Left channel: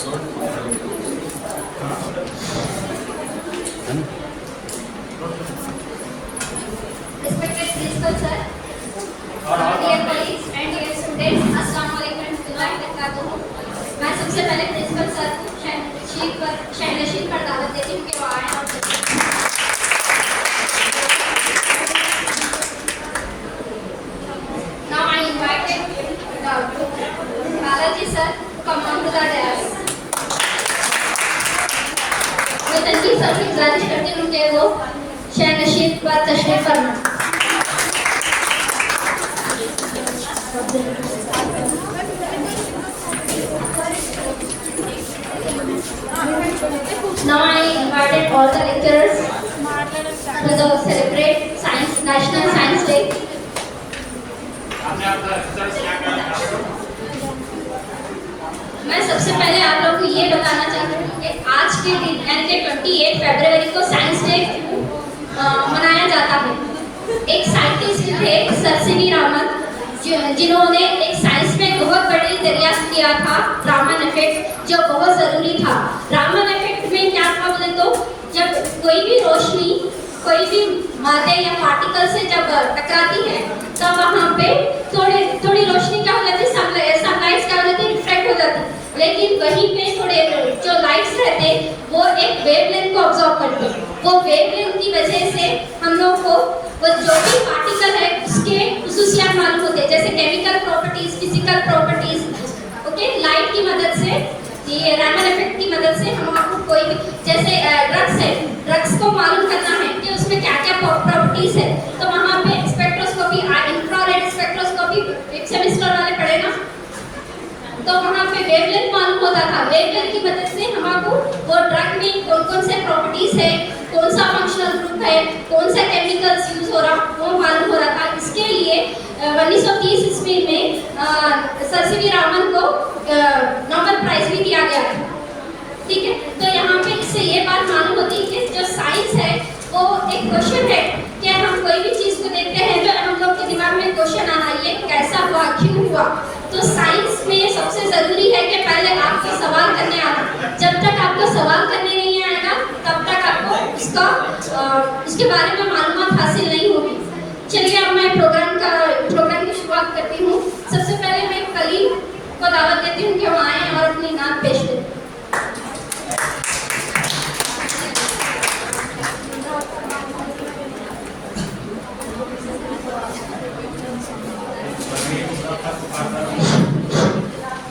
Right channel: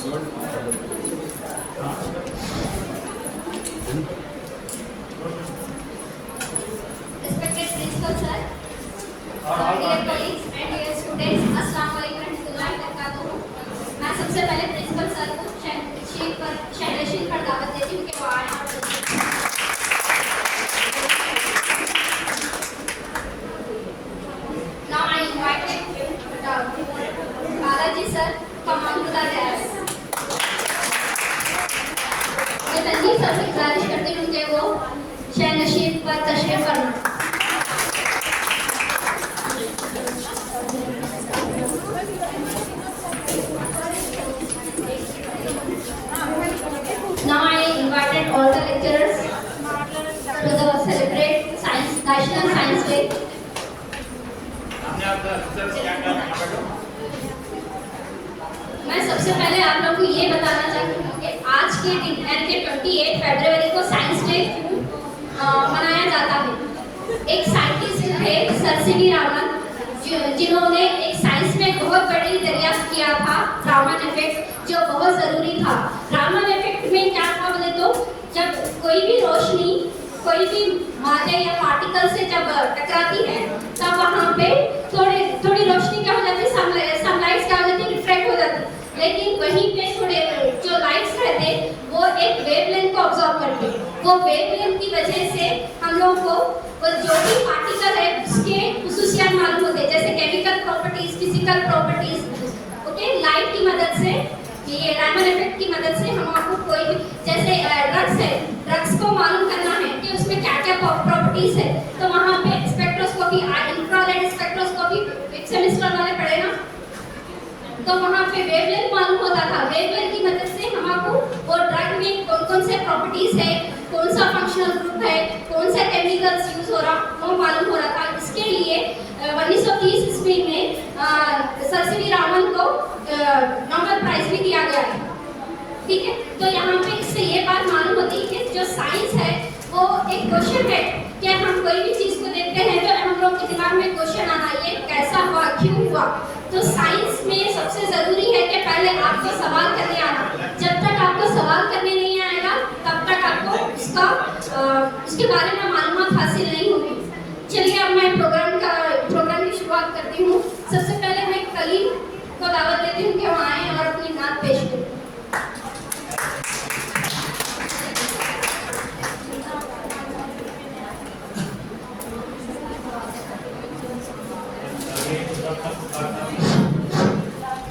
Respected principal sir, dear colleagues and dear students, अस्सलाम वालेकुम रहमतुल्लाहि व बरकातुहू। मैं सबसे पहले प्रिंसिपल सर को शहनशीन पर दावत देती हूँ कि वो आए। Now I invited Balaji sir to come on to the dais. मैं तनवीर सर की गुजारिश करती हूँ कि वो शहनशीन पर तशरीफ फरमाएं। Now I invited all the lecturers to the celebrate National Science Day. मैं सबसे पहले आप लोगों को ये बताना चाहती हूँ कि आज के दिन यानी कि 28 फरवरी को साइंस डे मनाया जाता है। एक साइंटिस्ट थे सर सीवी रामन, जिन्होंने एक साइंस में बहुत बड़ी दरियाफ्त किया था, रामन इफेक्ट, जो बहुत ज़रूरी था। रामन इफेक्ट में क्या था बोले तो जब कोई भी रोशनी कोई भी मादे या पार्टिकल से जब टकराती है तब वहाँ पे थोड़ी रोशनी क्या हो जाती है, सनलाइट क्या हो जाती है, रिफ्लेक्ट हो जाती है। लेकिन वहीं पे थोड़े जो लाइट्स रहते वो एक वेवलेंथ को ऑब्जॉर्व करते हैं। वो वेवलेंथ की वजह से हम लोग को वो जो भी पार्टिकल है उसके खुसूसियात मालूम होते हैं, जैसे chemical properties, physical properties. Okay, light की मदद से, ये रामन इफेक्ट की मदद से हम आपको कोई भी जैसे ड्रग्स है, ड्रग्स को मालूम करना है कि उसमें क्या क्या प्रॉपर्टीज है, तो वहाँ पे स्पेक्ट्रोस्कोपी, इंफ्रारेड स्पेक्ट्रोस्कोपी एक सेमेस्टर वाले पढ़े ना, तो वहाँ पे वेवलेंथ मालूम होता था। वेवलेंथ की मदद से हम आपको वो ड्रग में कौन कौन से प्रॉपर्टीज है, कौन सा फंक्शनल ग्रुप है, कौन सा केमिकल्स यूज हो रहा, वो मालूम हो रहा था। इसके लिए 1930 ईस्वी में सर सीवी रामन को नोबेल प्राइज भी दिया गया है। ठीक है, तो यहाँ पे इससे ये बात मालूम होती है कि जो साइंस है वो एक क्वेश्चन है कि हम कोई भी चीज़ को देखते हैं तो हम लोग के दिमाग में क्वेश्चन आना, ये कैसा हुआ, क्यों हुआ। तो साइंस में सबसे ज़रूरी है कि पहले आपको सवाल करने आना। जब तक आपको सवाल करने नहीं आएगा तब तक आपको इसके बारे में मालूमात हासिल नहीं होगी। चलिए अब मैं प्रोग्राम की शुरुआत करती हूँ। सबसे पहले मैं कलीम को दावत देती हूँ कि वो आएँ और अपनी नात पेश करें।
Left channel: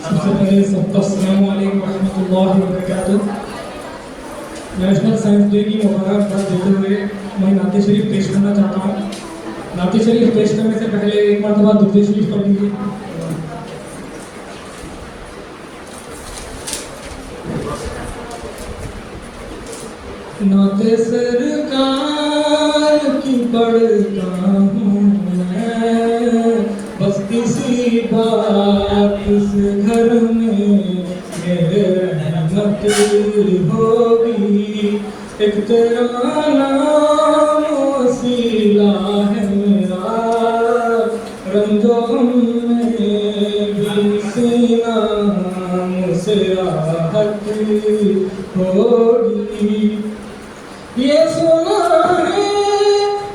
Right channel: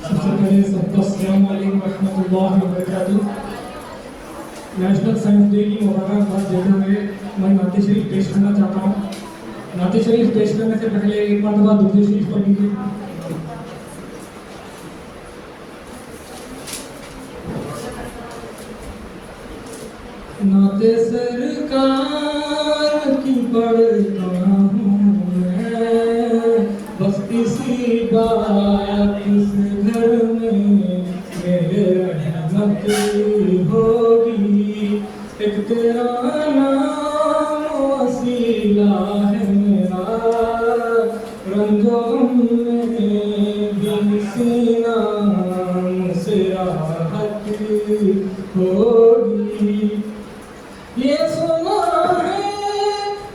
सबसे पहले सबको अस्सलाम वालेकुम रहमतुल्लाहि व बरकातुहू। नेशनल साइंस डे की मुबारकबाद देते हुए मैं नाते शरीफ पेश करना चाहता हूँ। नाते शरीफ पेश करने से पहले एक मरतबा दुरूद शरीफ पढ़ लीजिए। नाते सरकार की पढ़ता हूँ मैं, बस किसी बात इस घर में मेरे रहमत होगी। एक तेरा नाम वसीला है मेरा, रंजो में भी सीना से राहत होगी। ये सुना है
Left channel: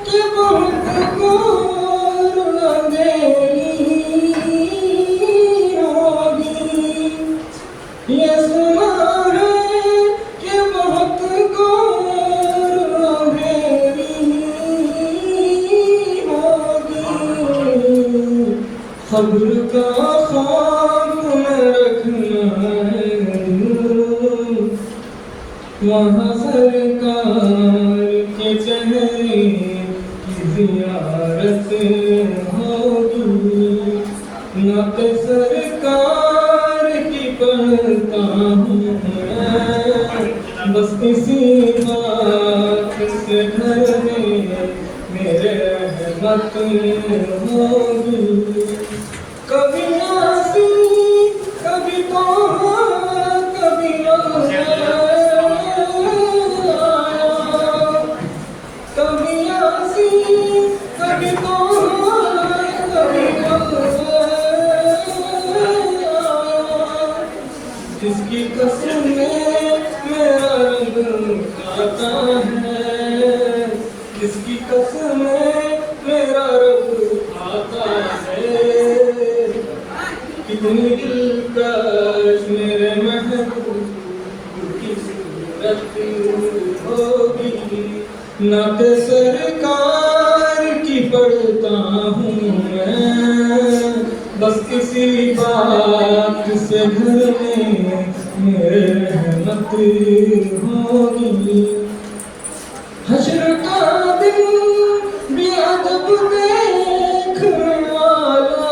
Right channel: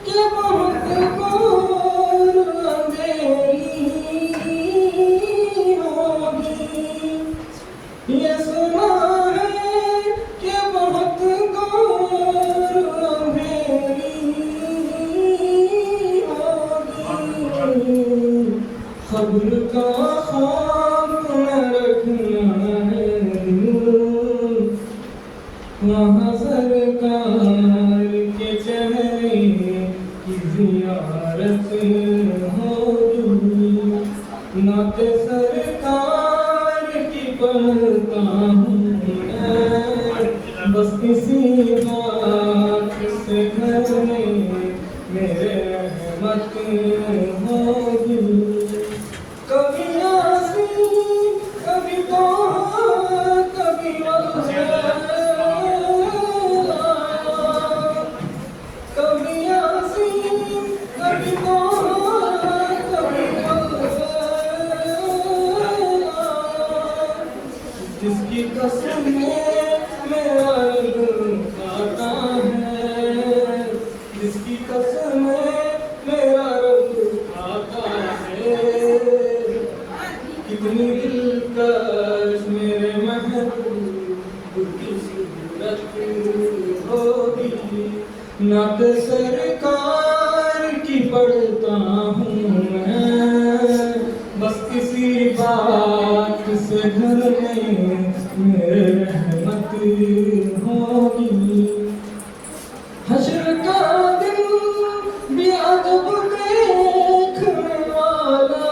कि बहुत घोर अंधेरी होगी। ये सुना है कि बहुत घोर अंधेरी होगी। खबर का खौफ न रखना वहाँ सरकार के चेहरे की ज़ियारत होगी। नाते सरकार की पढ़ता हूँ मैं, बस इसी बात से घर में मेरे रहमत होगी। कभी आसी कभी तो कभी कभी आसी कभी तो कभी जिसकी कसम कितनी दिलकश मेरे महबूब की सूरत होगी। नाते सरकार की पढ़ता हूँ मैं, बस किसी बात से घर में मेरे रहमत होगी। हश्र का दिन भी अदब देखने वाला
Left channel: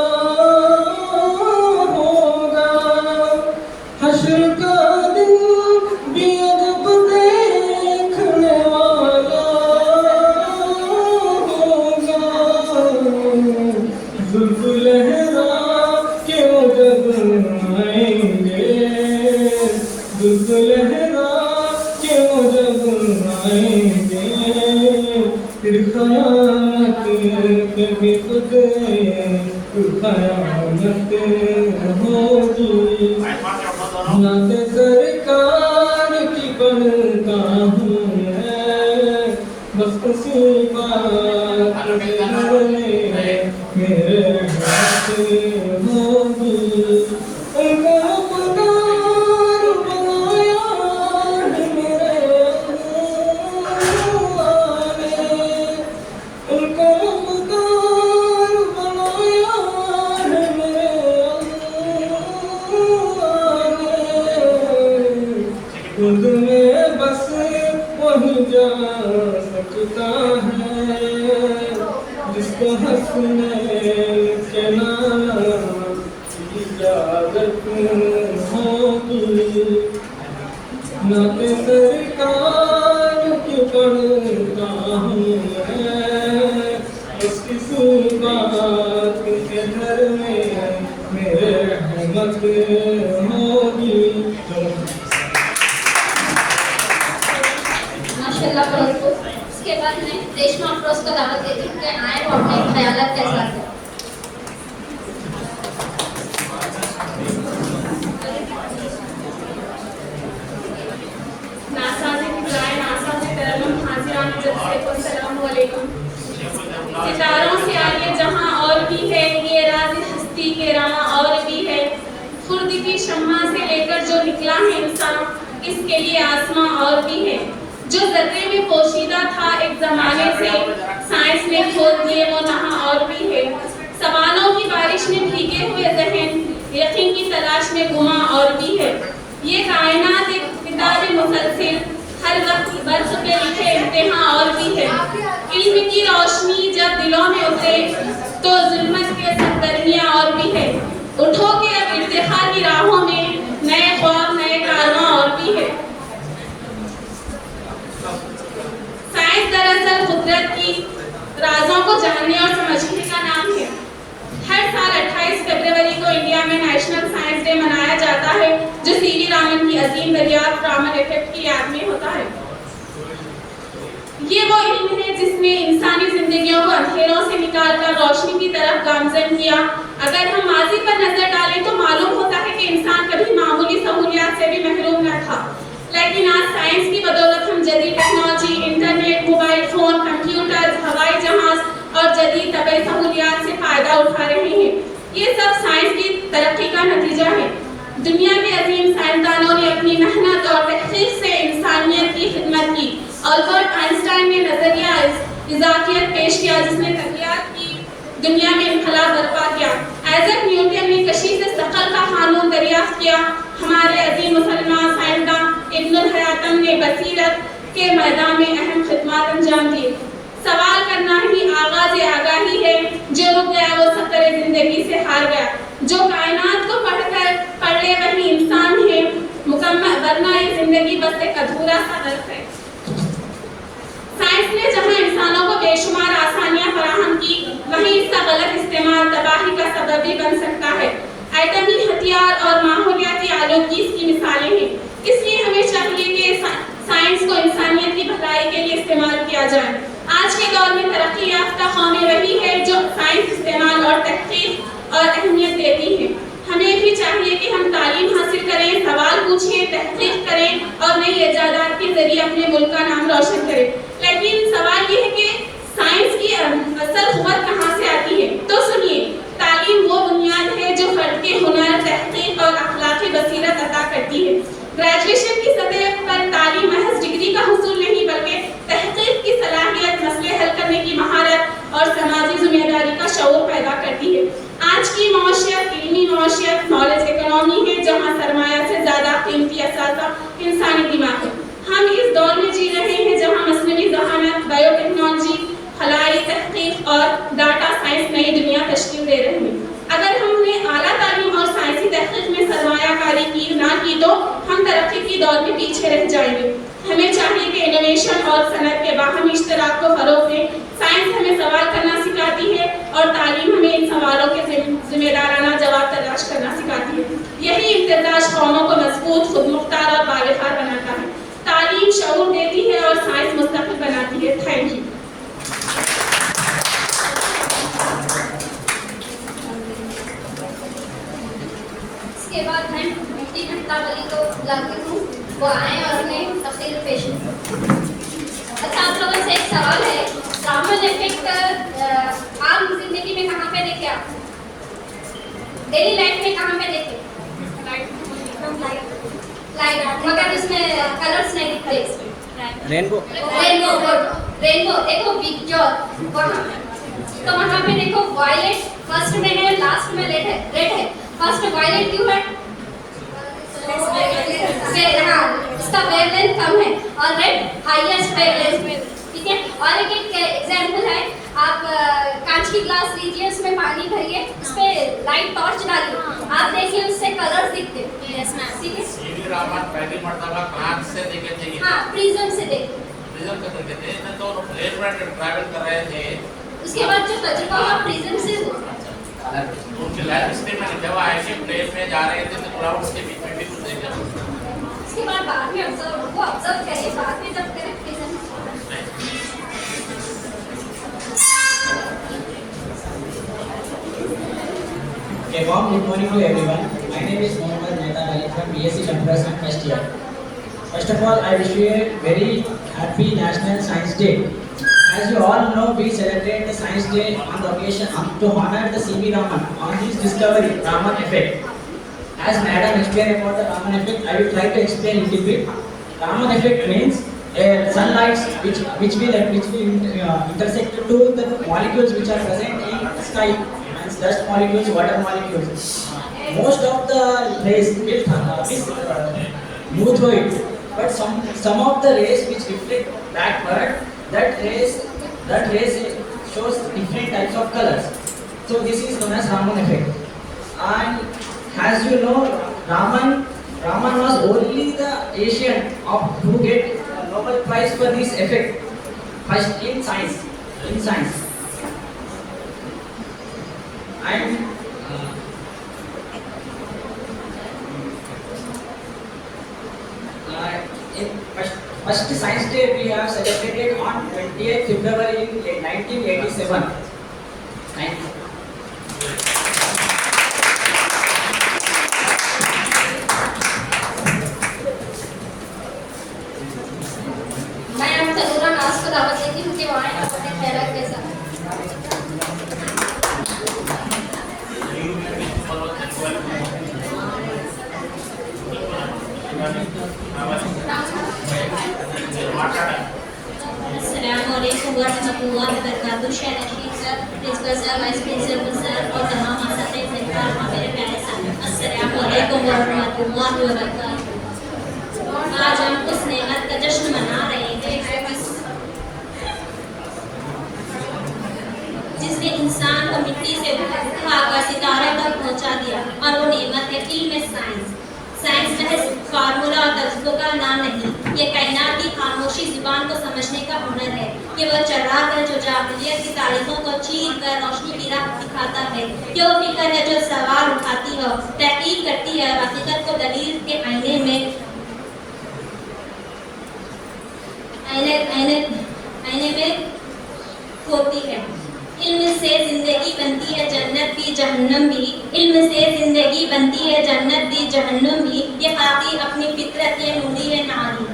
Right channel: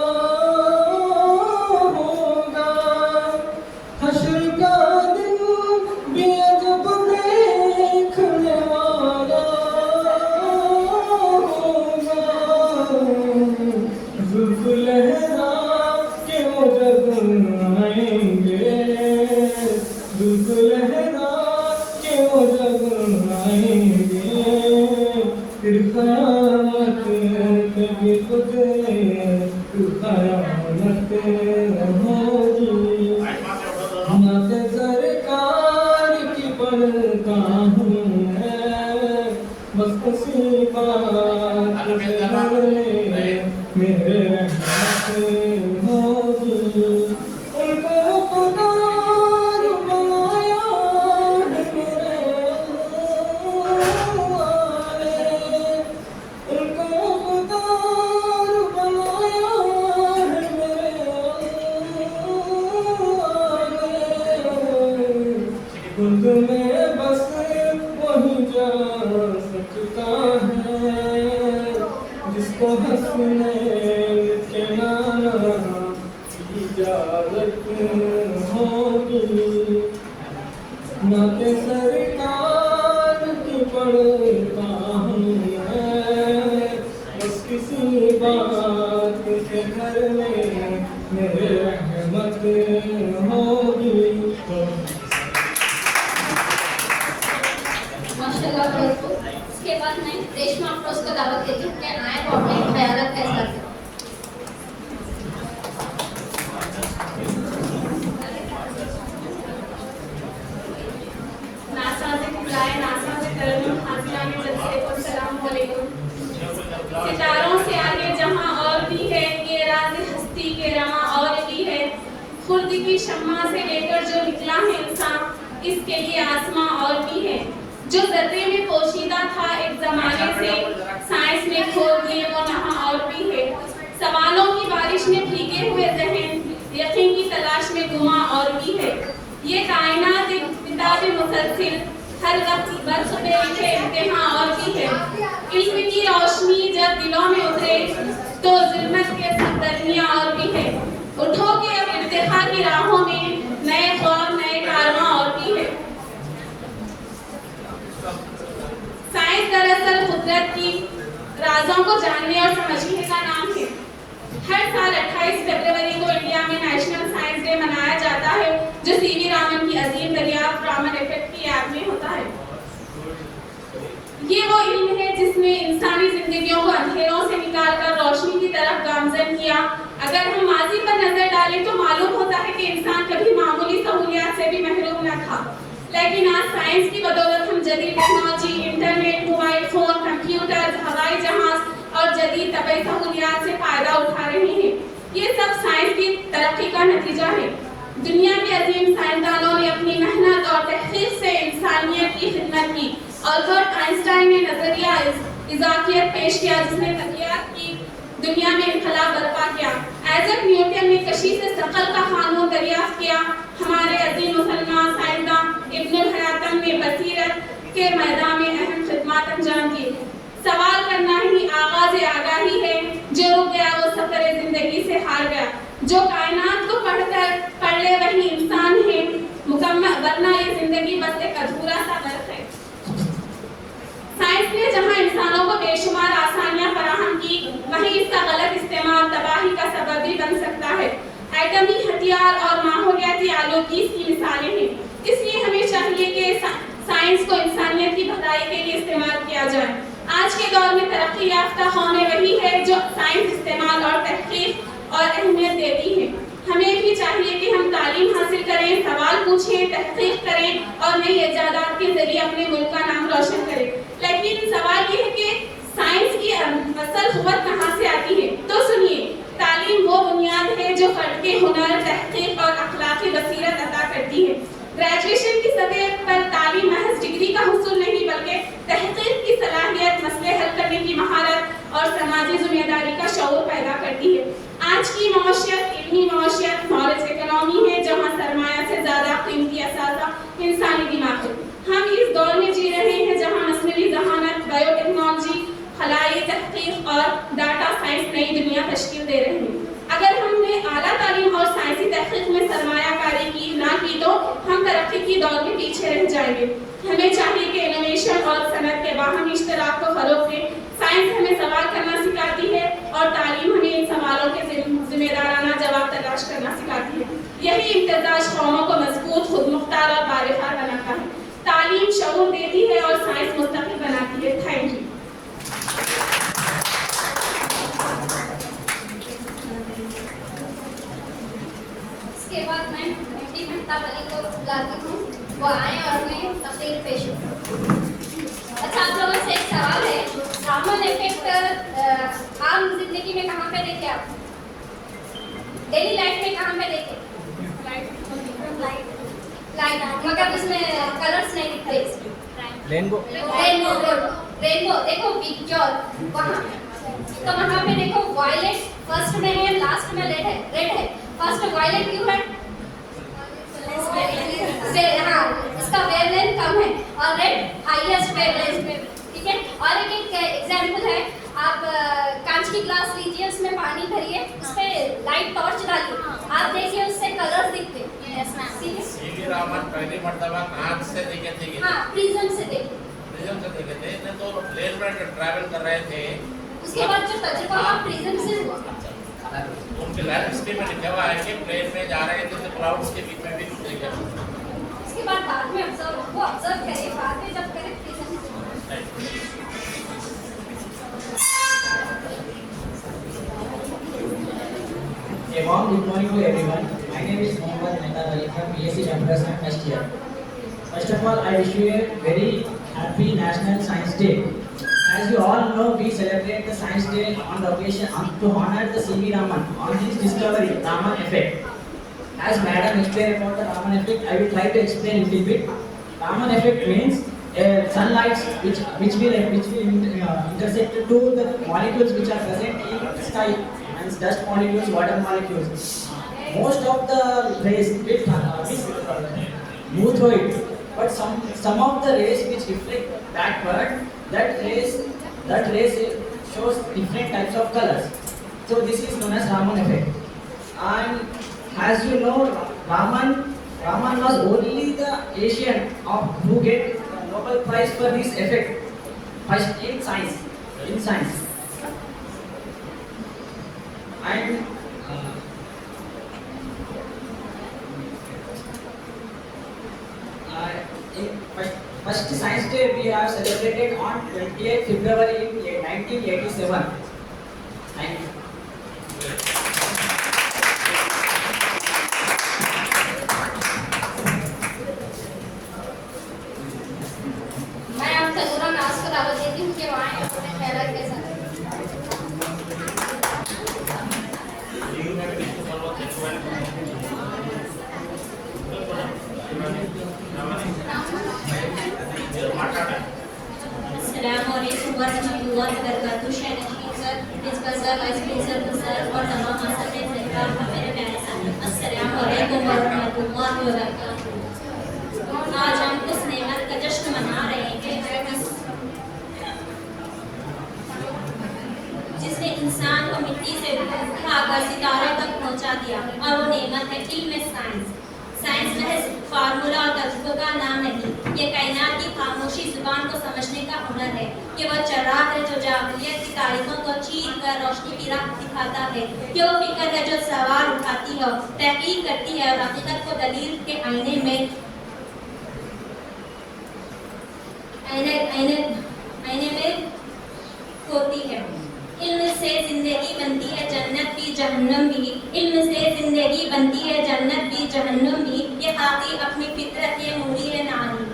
होगा। हश्र का दिन भी अदब देखने वाला होगा। जुल्फ़ लहरा के वो जब आएंगे, जुल्फ़ लहरा के वो जब आएंगे, फिर क़यामत पे भी खुद क़यामत होगी। नाते सरकार की पढ़ता हूँ मैं, बस उसी बात से घर में मेरे रहमत होगी। उनको खुदार बनाया है मेरे अल्लाह ने, उनको खुदार बनाया है मेरे अल्लाह ने। खुद में बस वही जा सकता है जिसको हंसने के नाम की इजाजत होगी। नाते सरकार की पढ़ता हूँ मैं, बस किसी बात के घर में मेरे रहमत होगी। माशाल्लाह बहुत खूब। इसके बाद मैं रेशमा अफरोज को दावत देती हूँ कि आए वो अपने ख्यालात का इजहार करें। सितारों से आगे जहां और भी है, ये राज हस्ती के रवां और भी है। खुर्द की शम्मा से लेकर जो निकला है इंसान, इसके लिए आसमां और भी है। जो ज़र्रे में पोशीदा था एक ज़माने से, साइंस ने खोद लिए वो नहा और भी है। सवालों की बारिश में भीगे हुए ज़हन, यकीन की तलाश में गुमा और भी है। ये कायनात एक किताब मुसलसिल, हर वक्त बर्फ पे लिखे इम्तिहान और भी है। इल्म की रोशनी जब दिलों में उतरे तो जुल्मत के सरगर्मियां और भी है। उठो के अब इर्तिखा की राहों में नए ख्वाब नए कारवां और भी है। साइंस दरअसल कुदरत की राजों को जानने और समझने का नाम है। हर साल 28 फरवरी को इंडिया में नेशनल साइंस डे मनाया जाता है, जो सीवी रामन की अजीम दरियाफ्त रामन इफेक्ट की याद में होता है। ये वो इल्म है जिसने इंसानी जिंदगियों को अंधेरों से निकालकर रोशनी की तरफ गामजन किया। अगर हम माजी पर नजर डालें तो मालूम होता है कि इंसान कभी मामूली सहूलियात से भी महरूम न था, लेकिन आज साइंस की बदौलत हम जदीद technology, internet, mobile phone, computer, हवाई जहाज और जदीद तबी सहूलियात से फायदा उठा रहे हैं। ये सब साइंस की तरक्की का नतीजा है। दुनिया के अजीम साइंसदानों ने अपनी मेहनत और तहकीक से इंसानियत की खिदमत की। अल्बर्ट आइंस्टाइन ने नजरिया इजाफियत पेश किया, जिसने तबियत की दुनिया में इनकलाब बर्पा किया। आइजैक न्यूटन ने कशीफ सकल का कानून दरियाफ्त किया। हमारे अजीम मुसलमान साइंसदान इब्नुल हयातम ने बसीरत के मैदान में अहम खिदमत अंजाम दी। सवाल करना ही आगाज आगाही है, जो रुक गया वो सफर जिंदगी से हार गया। जो कायनात को पढ़ ले वही इंसान है मुकम्मल, वरना ये जिंदगी बस एक अधूरा सा दर्द है। साइंस ने जहां इंसानों को बेशुमार आसानियां फराहम की, वहीं इसका गलत इस्तेमाल तबाही का सबब भी बन सकता है। एटमी हथियार और माहौलियाती आलूदगी इसकी मिसालें हैं। इसलिए हमें चाहिए कि साइंस को इंसानियत की भलाई के लिए इस्तेमाल किया जाए। आज के दौर में तरक्की याफ्ता कौमें वही है जो साइंस इस्तेमाल और तहकीक और अहमियत देती हैं। हमें भी चाहिए कि हम तालीम हासिल करें, सवाल पूछें, तहकीक करें और नई इजादात के जरिए अपने मुल्क का नाम रोशन करें। लेकिन सवाल ये है कि साइंस की असल क़ुव्वत कहाँ से आती है? तो सुनिए, तालीम वो बुनियाद है है जो फर्द के हुनर, तहकीक और अखलाकी बसीरत अता करती है। ग्रेजुएशन की सतह पर तालीम महज डिग्री का हुसूल नहीं बल्कि तहकीक की सलाहियत, मसले हल करने की महारत और समाजी जिम्मेदारी का शऊर पैदा करती है। आज की मौशियत इल्मी मौशियत, नॉलेज इकोनॉमी है जहाँ सरमाया से ज़्यादा कीमती असासा इंसानी दिमाग है। हम इस दौर में जी रहे हैं जहाँ मसनवी ज़हानत, बायोटेक्नोलॉजी, खलाई तहकीक और डाटा साइंस नई दुनिया तश्कील दे रहे हैं। अगर हमने आला तालीम और साइंसी तहकीक में सरमायाकारी की तो हम तरक्की की दौर में पीछे रह जाएंगे। हमें चाहिए कि इनोवेशन और सनत के बाहमी इश्तराक को फरोग दें। साइंस हमें सवाल करना सिखाती है और तालीम हमें इन सवालों के जिम्मेदाराना जवाब तलाश करना सिखाती है। यही इम्तिजाज कौमों को मजबूत, खुदमुख्तार और बावफार बनाता है। तालीम शऊर देती है और साइंस मुस्तकिल बनाती है। Thank you. इसके बाद मैं मुफ्ती मेहताब अली को बुलाती हूँ, वो आए और उन्हें तफसील पेश करें। अच्छा, आप लोगों से एक सवाल है, रामन इफेक्ट आम जिंदगी में कहाँ पे देखे आप? डेली लाइफ में कहाँ पे देखे? लाइट, मगर उसमें कलर्स नहीं दिखते। रेनबो रेनबो देखो, बिग जॉल वहाँ, तो वहाँ पे देखो वायलेट फर्स्ट में है, लास्ट में रेड है। फर्स्ट वायलेट क्यों है? हाँ, उसका वेवलेंथ कम है और रेड हाईएस्ट वेवलेंथ में, ठीक है। और एक एग्जांपल है, आप कांच की ग्लास लीजिए, उसमें पानी भरिए, उस पे लाइट टॉर्च डालिए, आप देखिए उससे कलर्स दिखते हैं। यस मैम, ठीक है। सीवी रामन पहली मर्तबा कांच से देखे थे। हाँ, प्रिज्म से देखे। प्रिज्म से देखे थे ना, तो प्लेन में ट्रैवल कर रहे थे। उसके बाद जो तजुर्बा हुआ प्रिज्म से हुआ। उनकी लाइफ हिस्ट्री में लिखा हुआ है कि प्लेन में जा रहे थे तो क्लाउड्स के बीच में भी कुछ देखे। उसके बाद में ऑब्जर्व करिए, बाद में जब करें prism. A warm good morning to everyone. My name is Mohammad Mehtab Ali from BSc Computers and first year. First of all, I wish you a very happy National Science Day. As you all know, we celebrate the Science Day on the occasion to honor the C.V. Raman on his discovery, Raman effect. As Madam explained about the Raman effect, I will try to explain a little bit. Raman effect means sunlight which will intersect to the molecules which are present in sky, and dust molecules, water molecules. Most of the rays will move through it, but some of the rays which reflect backward, that rays shows different types of colors. So this is known as Raman effect. And as you know, Raman was only the Asian who get Nobel Prize for this effect first in science. And in first Science Day we have celebrated on 28th February in 1987. Thank you. मैं अब तनूरा नाज को दावत देती हूँ कि वो आए और अपने ख्याल के साथ। अस्सलामुअलैकुम वरहमतुल्लाहि वबरकातुहू। Sher Rashid sir, principal sir, vice principal sir और तमाम असातिज़ इकराम और मेरे प्यारे साथी, अस्सलामुअलैकुम वरहमतुल्लाहि वबरकातुहू। आज हम उस नेमत का जश्न मना रहे हैं जिसने इंसान को मिट्टी से उठाकर सितारों तक पहुंचा दिया, और वो नेमत है इल्म साइंस। साइंस महज फार्मूला और तजुर्बों का नाम नहीं, ये कायनात की खामोशी जुबान को समझने का हुनर है। ये वो चराग है जो जाहिलियत की तारीखों को चीर कर रोशनी की राह दिखाता है। ये वो फिक्र है जो सवाल उठाती है, तहकीक करती है और हकीकत को दलील के आईने में होती है। इल्म से जिंदगी बनती है, जन्नत भी जहन्नम भी। इल्म से जिंदगी बनती है, जन्नत भी जहन्नम भी। ये खाती अपनी फितरत ये नूरी है नारी।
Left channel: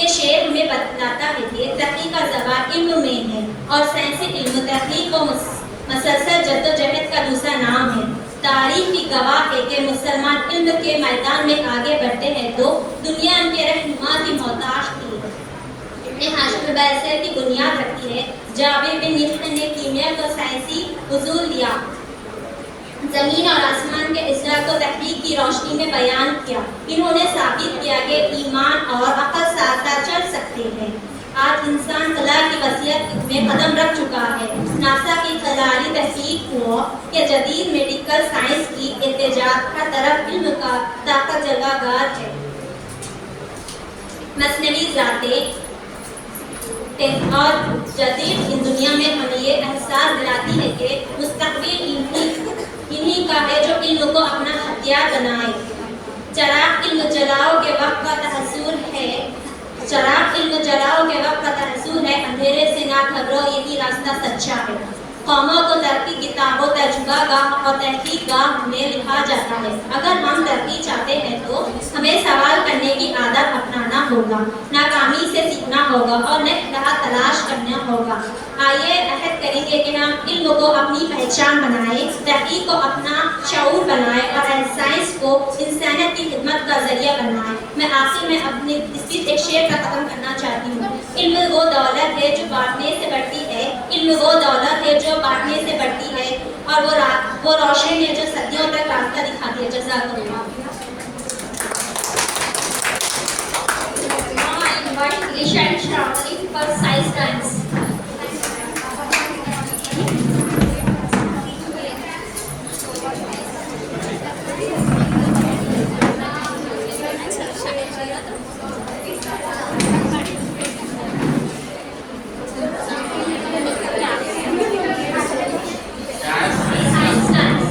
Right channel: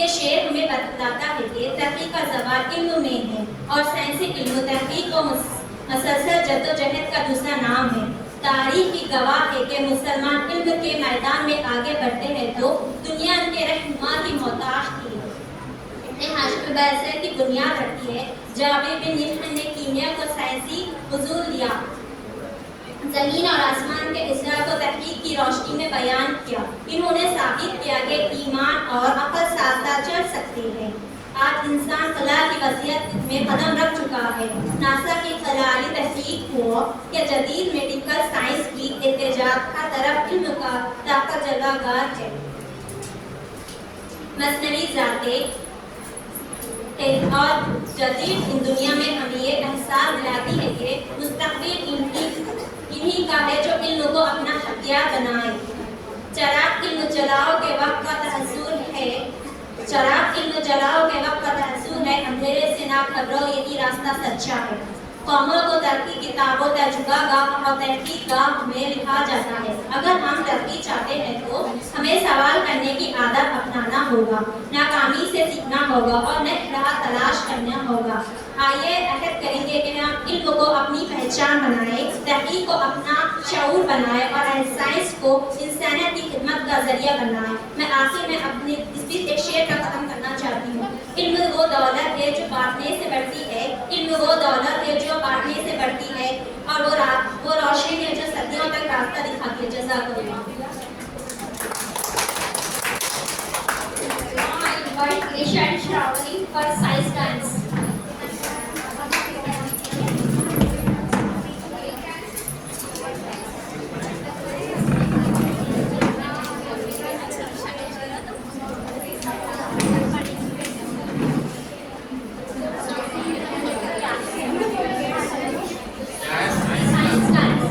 ये शेर हमें बताता है कि तहकीक का ज़बान इल्म में है और साइंसी इल्म तहकीक को मसलसल जद्दोजहद का दूसरा नाम है। तारीखी गवाह है कि मुसलमान इल्म के मैदान में आगे बढ़ते हैं तो दुनिया इनके रहनुमा की मोहताज थी। इब्ने हाशिम बैसर की बुनियाद रखी है। जाबिर बिन मिहन ने कीमिया को साइंसी उसूल दिया, जमीन और आसमान के इजरा को तहकीक की रोशनी में बयान किया। इन्होंने साबित किया कि ईमान और अक्ल साथ साथ चल सकते हैं। आज इंसान खला की वसीयत में कदम रख चुका है। नासा की खलाली तहकीक को कि जदीद मेडिकल साइंस की एहतिजाज हर तरफ इल्म का ताकत जगहगार है। मसनवी ज़ातें और जदीद इन दुनिया में हमें ये एहसास दिलाती है कि मुस्तक़बिल इन्हीं का है जो इल्म को अपना हथियार बनाए। चराग इल्म जलाओ के वक्त का तहस्सुर है, चराग इल्म जलाओ के वक्त का तहस्सुर है, अंधेरे से ना घबरो यही रास्ता सच्चा है। कौमों को तरक्की किताबों तजुर्बा गाह और तहकीक गाह में लिखा जाता है। अगर हम तरक्की चाहते हैं तो हमें सवाल करने की आदत अपनाना होगा, नाकामी से सीखना होगा और नई राह तलाश करना होगा। आइए अहद करेंगे कि हम इल्म को अपनी पहचान बनाएं, तहकीक को अपना शऊर बनाएं और साइंस को इंसानियत की खिदमत का जरिया बनाएं। मैं आखिर में अपनी स्पीच एक शेर का ख़त्म करना चाहती हूँ। इल्म वो दौलत है जो बांटने से बढ़ती है, इल्म वो दौलत है जो बांटने से बढ़ती है और वो रोशनी है जो सदियों तक रास्ता दिखाती है। जज़ाकल्लाह। Now I invite Isha and Shravani for science dance. Science dance.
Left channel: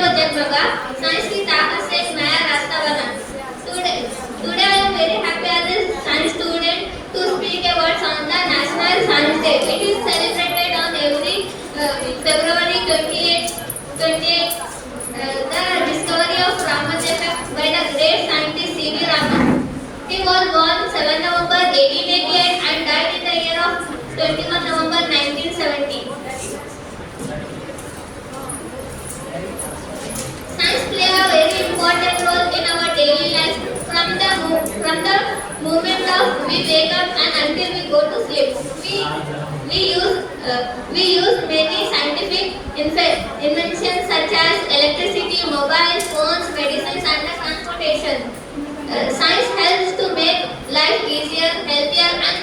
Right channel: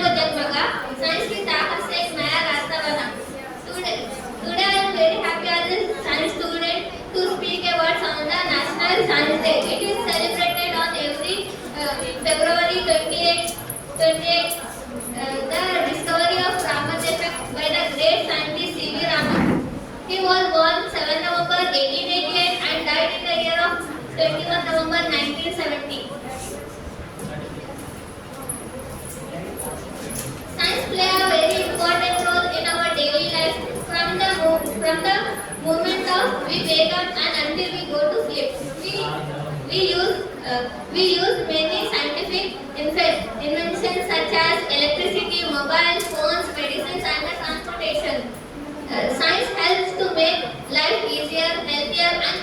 को जगमगा, साइंस की ताकत से एक नया रास्ता बना. Today I am very happy as a science student to speak about on the National Science Day. It is celebrated on every February 28. The discovery of Raman effect by the great scientist C.V. Raman. He was born 7 November 1888 and died in the year of 21 November 1970. Science play a very important role in our daily life from the moment of we wake up and until we go to sleep. We use many scientific inventions such as electricity, mobile phones, medicines, and the transportation. Science helps to make life easier, healthier, and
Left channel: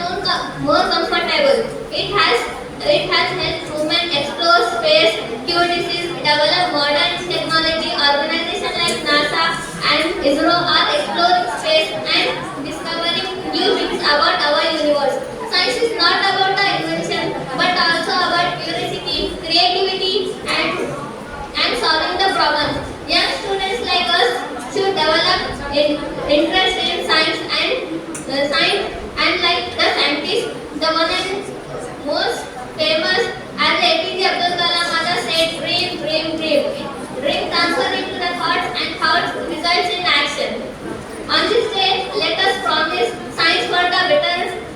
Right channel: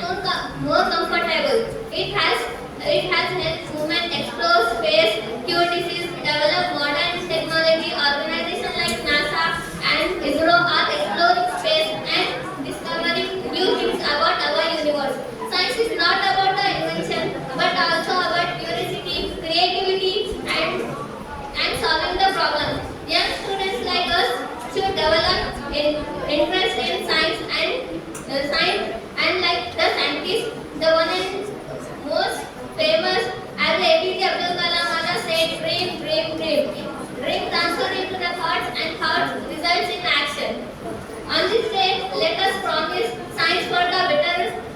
more comfortable. It has helped humans explore space, cure disease, develop modern technology. Organizations like NASA and ISRO are exploring space and discovering new things about our universe. Science is not about the invention, but also about curiosity, creativity, and solving the problems. Young students like us should develop interest in science and like the scientist, the one and most famous as APJ Abdul Kalam Mother said, dream, dream, dream. Dream transfer into the thoughts and thoughts results in action. On this day, let us promise science for the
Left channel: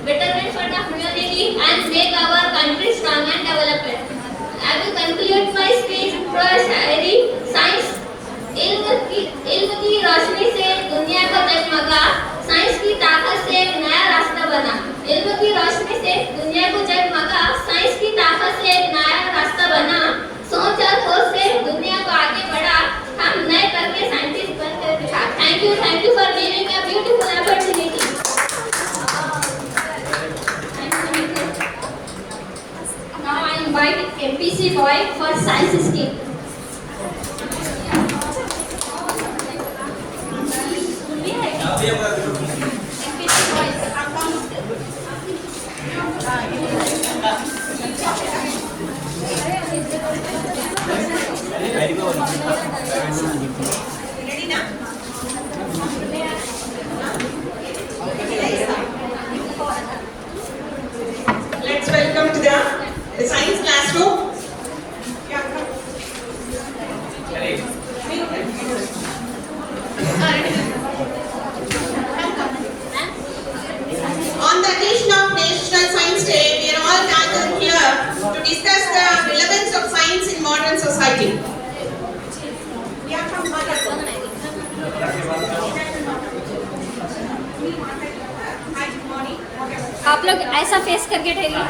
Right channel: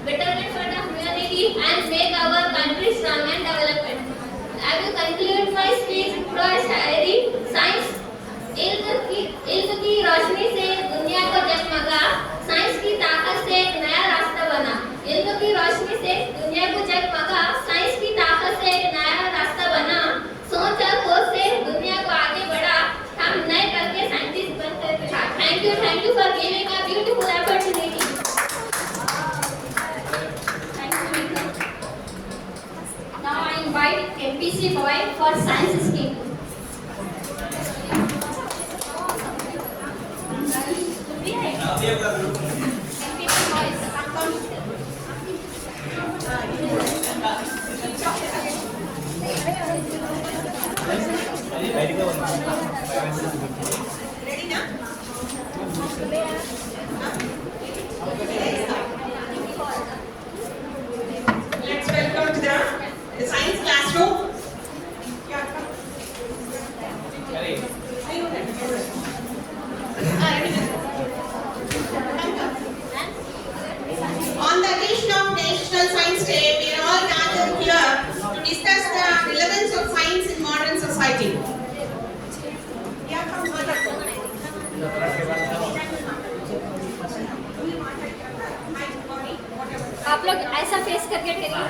betterment for the humanity and make our country strong and developed. I will conclude my speech through a Shayari. Science इल्म की रोशनी से दुनिया को जगमगा, science की ताकत से एक नया रास्ता बना. इल्म की रोशनी से दुनिया को जगमगा, साइंस की ताकत से एक नया रास्ता बना. सोच और होश से दुनिया को आगे बढ़ा, हम नए करके साइंटिस्ट बनकर दिखा. Thank you for giving a beautiful opportunity. Now I invite MPC boy for science skill. Let's welcome to the science classroom. On the occasion of National Science Day, we are all gathered here to discuss the relevance of science in modern society. आप लोग ऐसा face करके ठहरिए.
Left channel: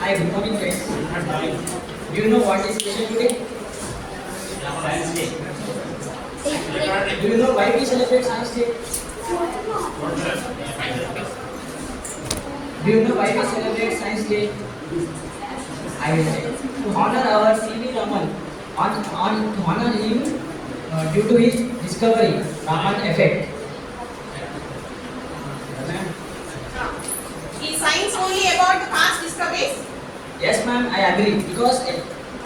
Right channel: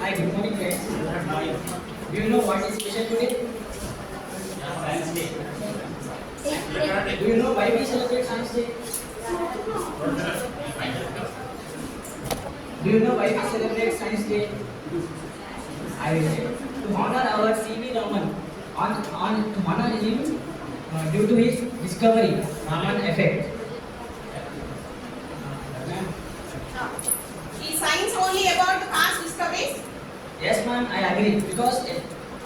Hi, good morning, friends. Do you know what is special today? Do you know why we celebrate Science Day? Do you know why we celebrate Science Day? I will say. To honor our C.V. Raman, to honor him due to his discovery, Raman effect. Is science only about the past discoveries? Yes, ma'am, I agree. Because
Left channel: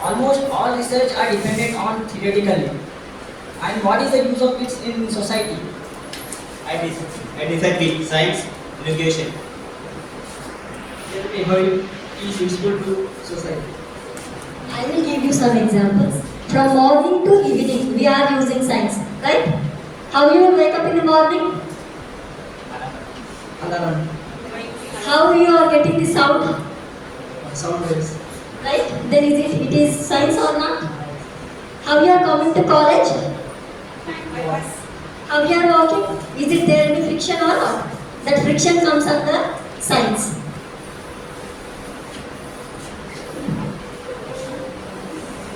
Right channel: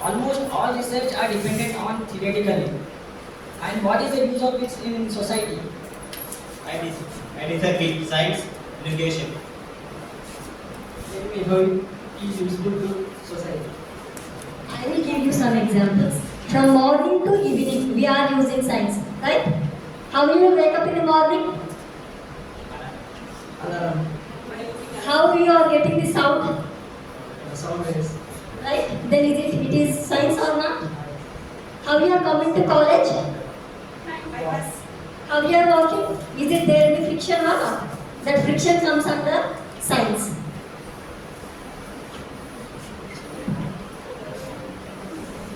almost all research are dependent on theoretically. And what is the use of it in society? I disagree. Science, education. Tell me how it is useful to society. I will give you some examples. From morning to evening, we are using science, right? How you wake up in the morning? Alarm, How you are getting the sound, sound waves. right? Then it is science or not? How you are coming to college? How you are walking? Is it there any friction or not? That friction comes under science.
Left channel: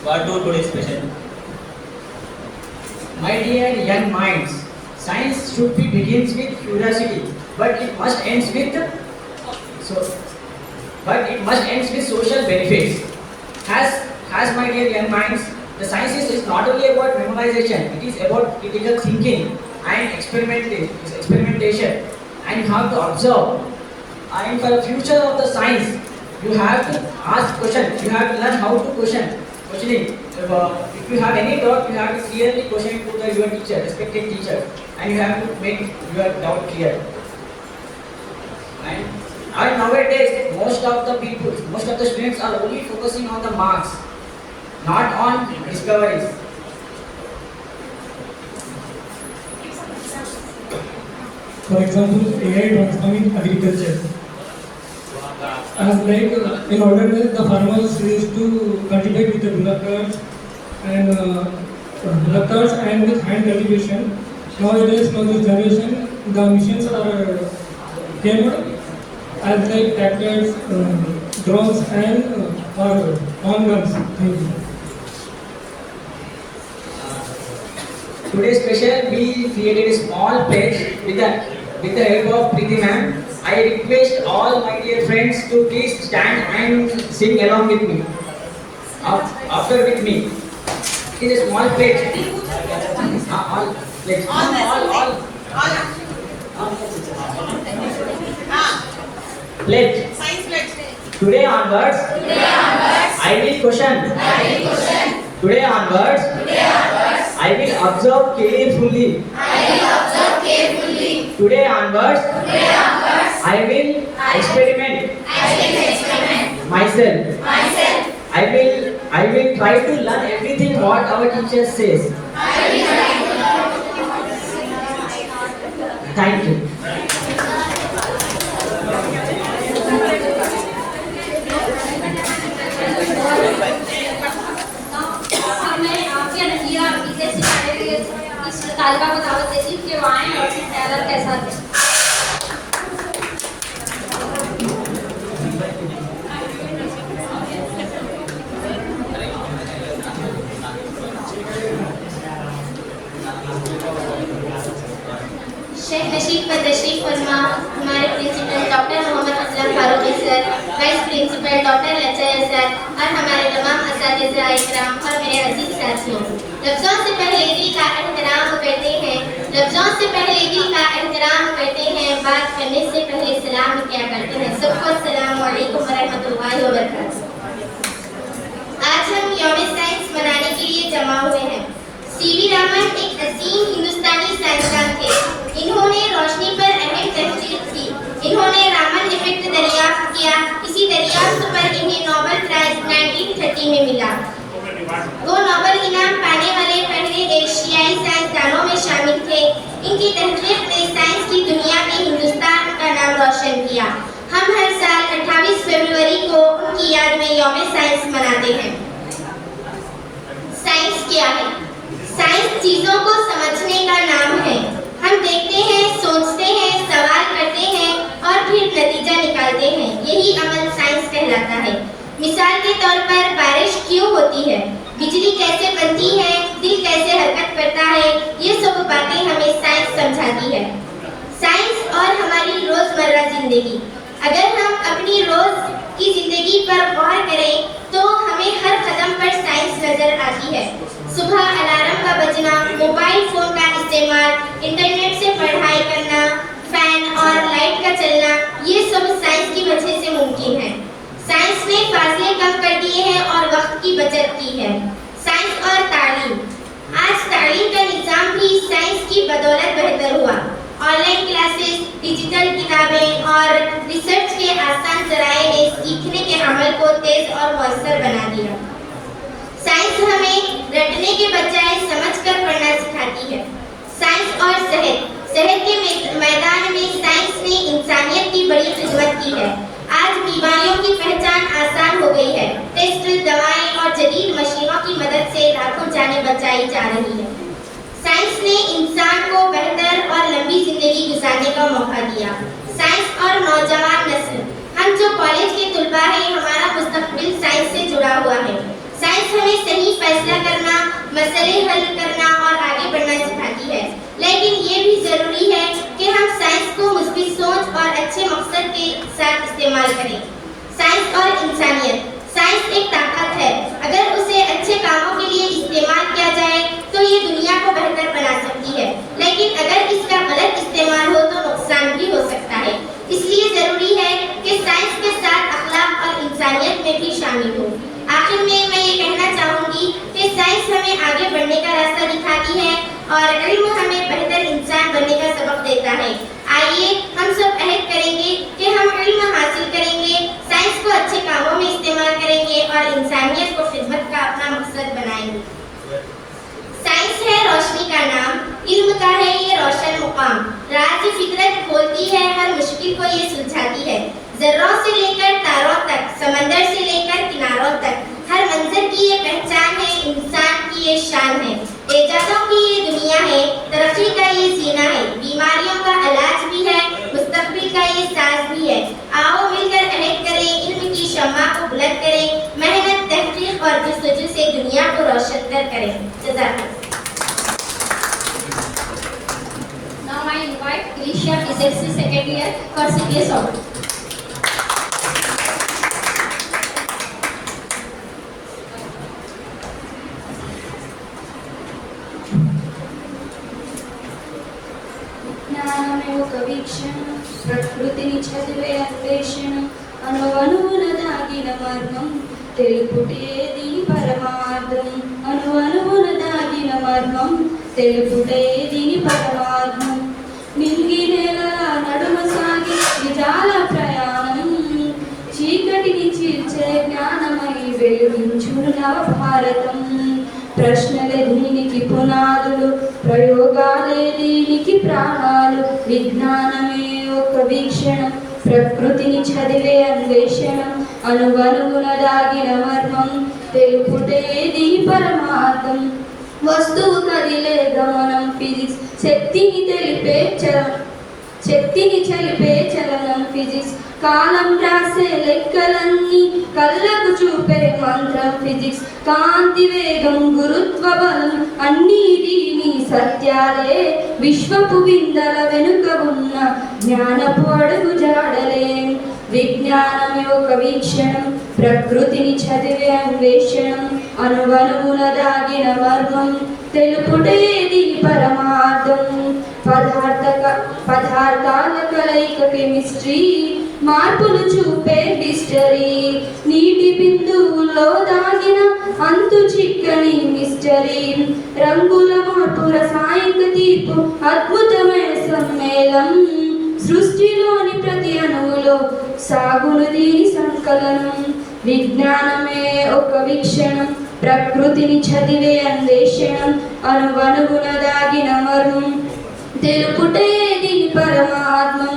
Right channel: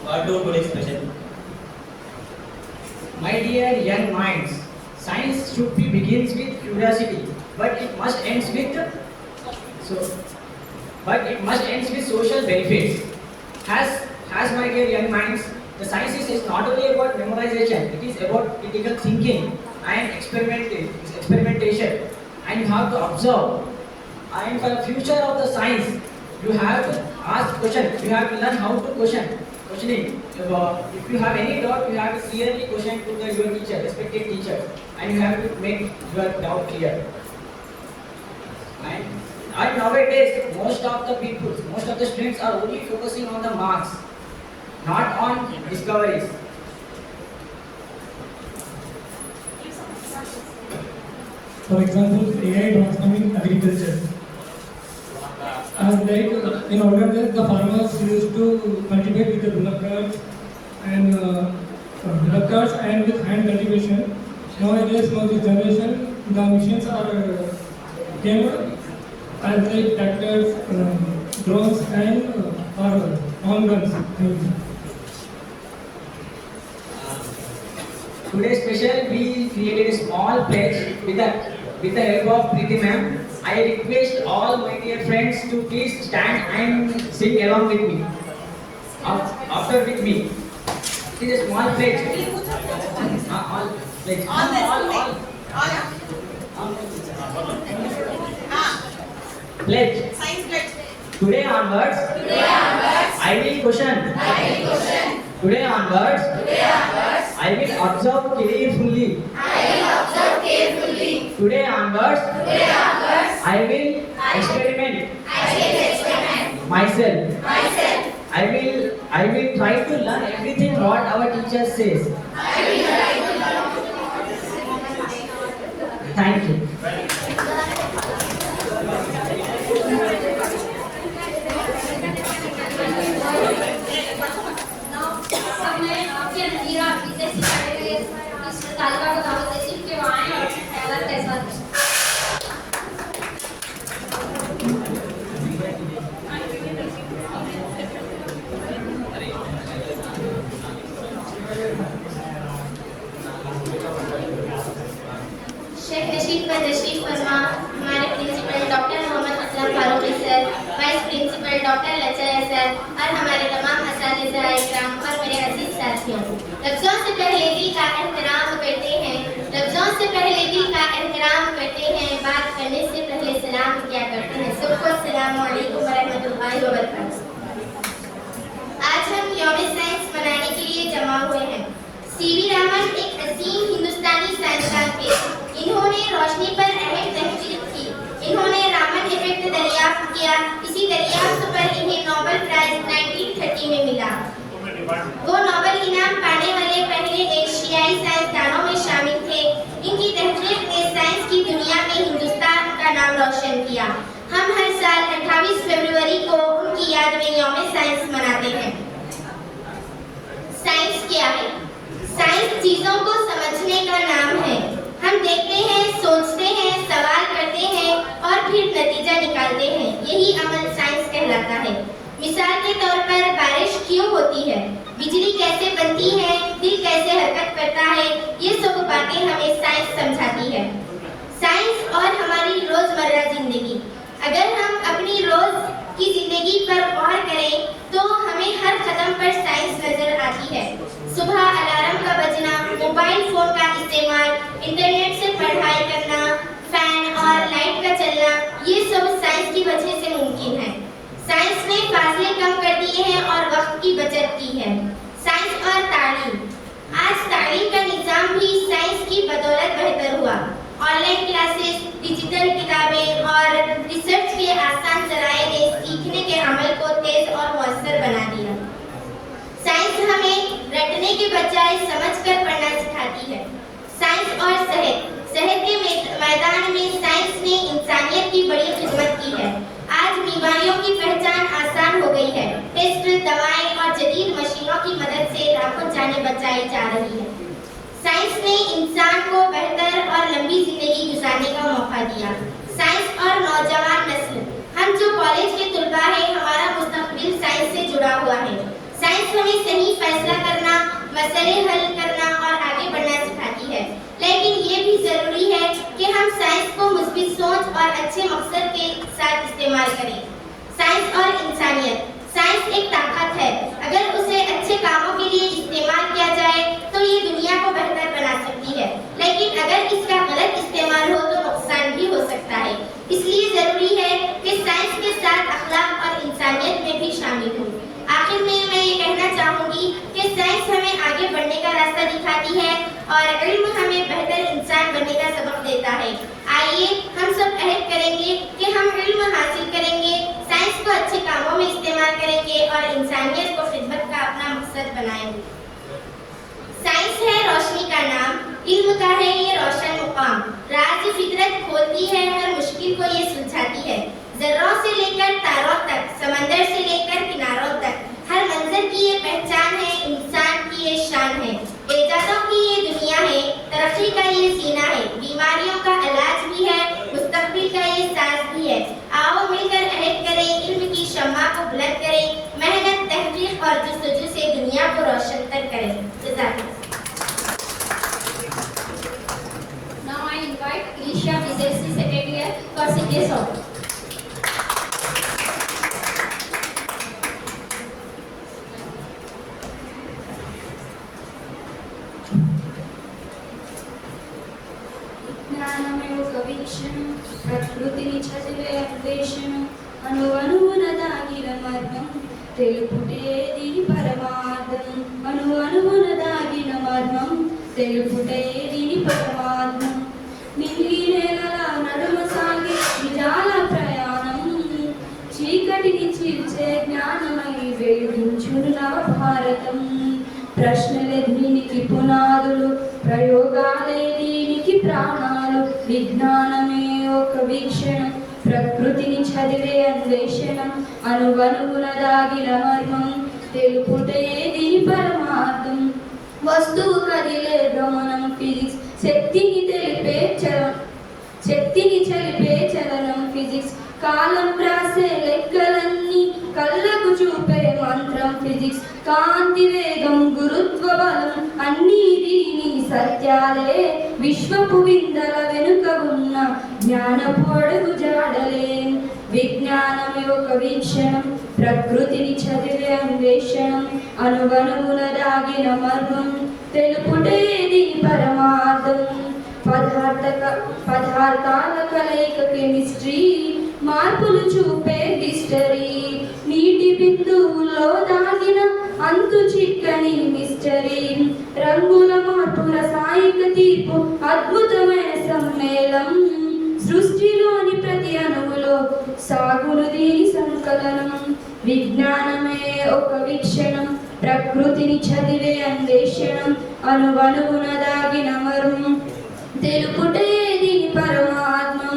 What do today's special? My dear young minds, science should be begins with curiosity, but it must ends with social benefits. Has my dear young minds, the sciences is not only about memorization, it is about critical thinking and experimentation, and you have to observe And for the future of the science, you have to ask questions. You have to learn how to questioning. If you have any doubt, you have to clearly question to your teacher, respected teacher, and you have to make your doubt clear. And nowadays, most of the students are only focusing on the marks, not on discoveries. For example, AI transforming agriculture. As like in olden days, the farmers used to cultivate with the bullock carts and with hand cultivation. Nowadays, now this generation, the machines are came as like tractors, drones, and on guns. Thank you. Today's special, we created a small pledge with the help of Preeti ma'am. I request all my dear friends to please stand and sing along with me. After with me. It is a small pledge. All pledge. Pledge. Today onwards, I will question. Today onwards, I will observe carefully. Today onwards, I will experiment myself. I will try to learn everything what our teacher says. Thank you. अब मैं आपके नज़ीरा जैसी इस तालिबा को दावत देती हूँ कि वो आएँ और अपनी क़यादत के साथ दें। शेख नशीद पर तशरीफ फरमा हमारे principal doctor Mohammad Aslam Farooqui sir, vice principal doctor लचय सर और हमारे तमाम असातिज़ा इकराम और मेरे अजीज साथियों, लफ्ज़ों से पहले दिल का एहतराम करते हैं, बात करने से पहले सलाम किया करते हैं। सबको अस्सलामु अलैकुम व रहमतुल्लाहि व बरकातहू। आज हम यौम साइंस मनाने के लिए जमा हुए हैं। सीवी रमन एक अजीम हिंदुस्तानी साइंसदान थे। इन्होंने रोशनी पर अहम तहकीक की। इन्होंने रामन इफेक्ट दरियाफ्त किया। इसी दरियाफ्त पर इन्हें नोबेल प्राइज 1930 में मिला। वो नोबेल इनाम पाने वाले पहले एशियाई साइंसदानों में शामिल थे। इनकी तहकीक ने साइंस की दुनिया में हिंदुस्तान का नाम रोशन किया। हम हर साल 28 फरवरी को उनकी याद में यौम साइंस मनाते हैं। साइंस क्या है? साइंस चीजों को समझने का नाम है। हम देखते हैं, सोचते हैं, सवाल करते हैं और फिर नतीजा निकालते हैं। यही अमल साइंस कहलाता है। मिसाल के तौर पर बारिश क्यों होती है, बिजली कैसे बनती है, दिल कैसे हरकत करता है, ये सब बातें हमें साइंस समझाती है। साइंस और हमारी रोजमर्रा जिंदगी। अगर हम अपनी रोज की जिंदगी पर गौर करें तो हमें हर कदम पर साइंस नजर आती है। सुबह अलार्म का बजना, मोबाइल फोन का इस्तेमाल, इंटरनेट से पढ़ाई करना, फैन और लाइट का चलना, ये सब साइंस की वजह से मुमकिन है। साइंस ने फासले कम कर दिए हैं और वक्त की बचत की है। साइंस और तालीम। आज तालीम का निज़ाम भी साइंस की बदौलत बेहतर हुआ। ऑनलाइन क्लासेस, डिजिटल किताबें और रिसर्च के आसान ज़राए ने सीखने के अमल को तेज और मौसर बना दिया। साइंस हमें रटने के बजाय समझकर पढ़ना सिखाती है। साइंस और सेहत के मैदान में साइंस ने इंसानियत की बड़ी खिदमत की है। आज बीमारियों की पहचान आसान हो गई है। टेस्ट, दवाएं और जदीद मशीनों की मदद से लाखों जानें बचाई जा रही है। साइंस ने इंसान को बेहतर और लंबी जिंदगी गुजारने का मौका दिया। साइंस और नौजवान नस्ल। हम जो कॉलेज के तुलबा हैं, हमारा मुस्तकबिल साइंस से जुड़ा हुआ है। साइंस हमें सही फैसला करना, मसले हल करना और आगे बढ़ना सिखाती है। लेकिन ये भी जरूरी है कि हम साइंस को मुस्बित सोच और अच्छे मकसद के साथ इस्तेमाल करें। साइंस और इंसानियत। साइंस एक ताकत है। अगर उसे अच्छे कामों के लिए इस्तेमाल किया जाए तो ये दुनिया को बेहतर बना सकती है। लेकिन अगर इसका गलत इस्तेमाल हो तो नुकसान भी हो सकता है। इसलिए जरूरी है और इल्म हमें बेहतर इंसान बनने का सबक देता है। आइए हम सब अहद करेंगे कि हम इल्म हासिल करेंगे, साइंस को अच्छे कामों में इस्तेमाल करेंगे और इंसानियत को खिदमत का अपना मकसद बनाएंगे। साइंस है रोशनी का नाम, इल्म का है ये रोशन मुकाम। राज फितरत खोलती है, हर मुश्किल को ये सुलझाती है। जर्रों से लेकर तारों तक, समंदर से लेकर किनारों तक, हर मंजर की ये पहचान है, इंसान की ये शान है। इजादों की ये दुनिया है, तरक्की का ये जीना है, बीमारियों का इलाज भी है, मुस्तकबिल का ये साज भी है। आओ मिलकर अहद करें, इल्म की शम्मा को बुलंद करें, मेहनत, तहकीक और जस्तजू से दुनिया को रोशन करें। जज़ाकल्लाह। Now I invite Grisha, PhD second year for CPS Award. జ్ఞానమే ఒక వీక్షణ, ప్రకృతిని చదివే అన్వేషణ, అణువణువున దాగిన మర్మం, తెలుపుటే దీని పరమార్థం. అణువణువున దాగిన మర్మం, తెలుపుటే దీని పరమార్థం. నింగి నేలల నడుమ సాగి నిజాల ప్రయాణం, చీకటిని చీల్చే జ్ఞానమై వెలుగించును నవ భారతం. ప్రశ్నలే దీనికి పునాదులు, ప్రయోగాలే దీనికి ప్రాణాలు. విజ్ఞానమే ఒక వీక్షణం, ప్రకృతిని చదివే అన్వేషణం, అణువణువున దాగిన మర్మం, తెలుపుటే దీని పరమార్థం. వస్తువు కదిలే గమనం ఫిజిక్స్, శక్తిని చలిపే చలనం ఫిజిక్స్. కాలం రాసే లెక్కలన్నీ కళ్ళకు చూపే మంత్రం ఫిజిక్స్. కాంతి వేగం, గురుత్వ బలం అన్నీ దీని సత్యాలే. విశ్వపు విందల వెనుక ఉన్న జ్ఞానపు అడుగు జాడలే. విజ్ఞానమే ఒక వీక్షణం, ప్రకృతిని చదివే అన్వేషణం, అణువణువున దాగిన మర్మం, తెలుపుటే దీని పరమార్థం. పదార్థాల కలయిక కెమిస్ట్రీ, మార్పులు చూపే హిస్టరీ. నీటి బిందువుల్లో దాగిన అంతు చిక్కని మిస్టరీ. రంగుల మార్పు, రసాయనిక తీర్పు, అద్భుతమైన సమ్మేళం. సృష్టిలోని ప్రతి అణువులో సాగును దీని సంకలనం. విజ్ఞానమే ఒక వీక్షణం, ప్రకృతిని చదివే అన్వేషణం, అణువణువున దాగిన మర్మం, తెలుపుటే దీని పరమాత్మం.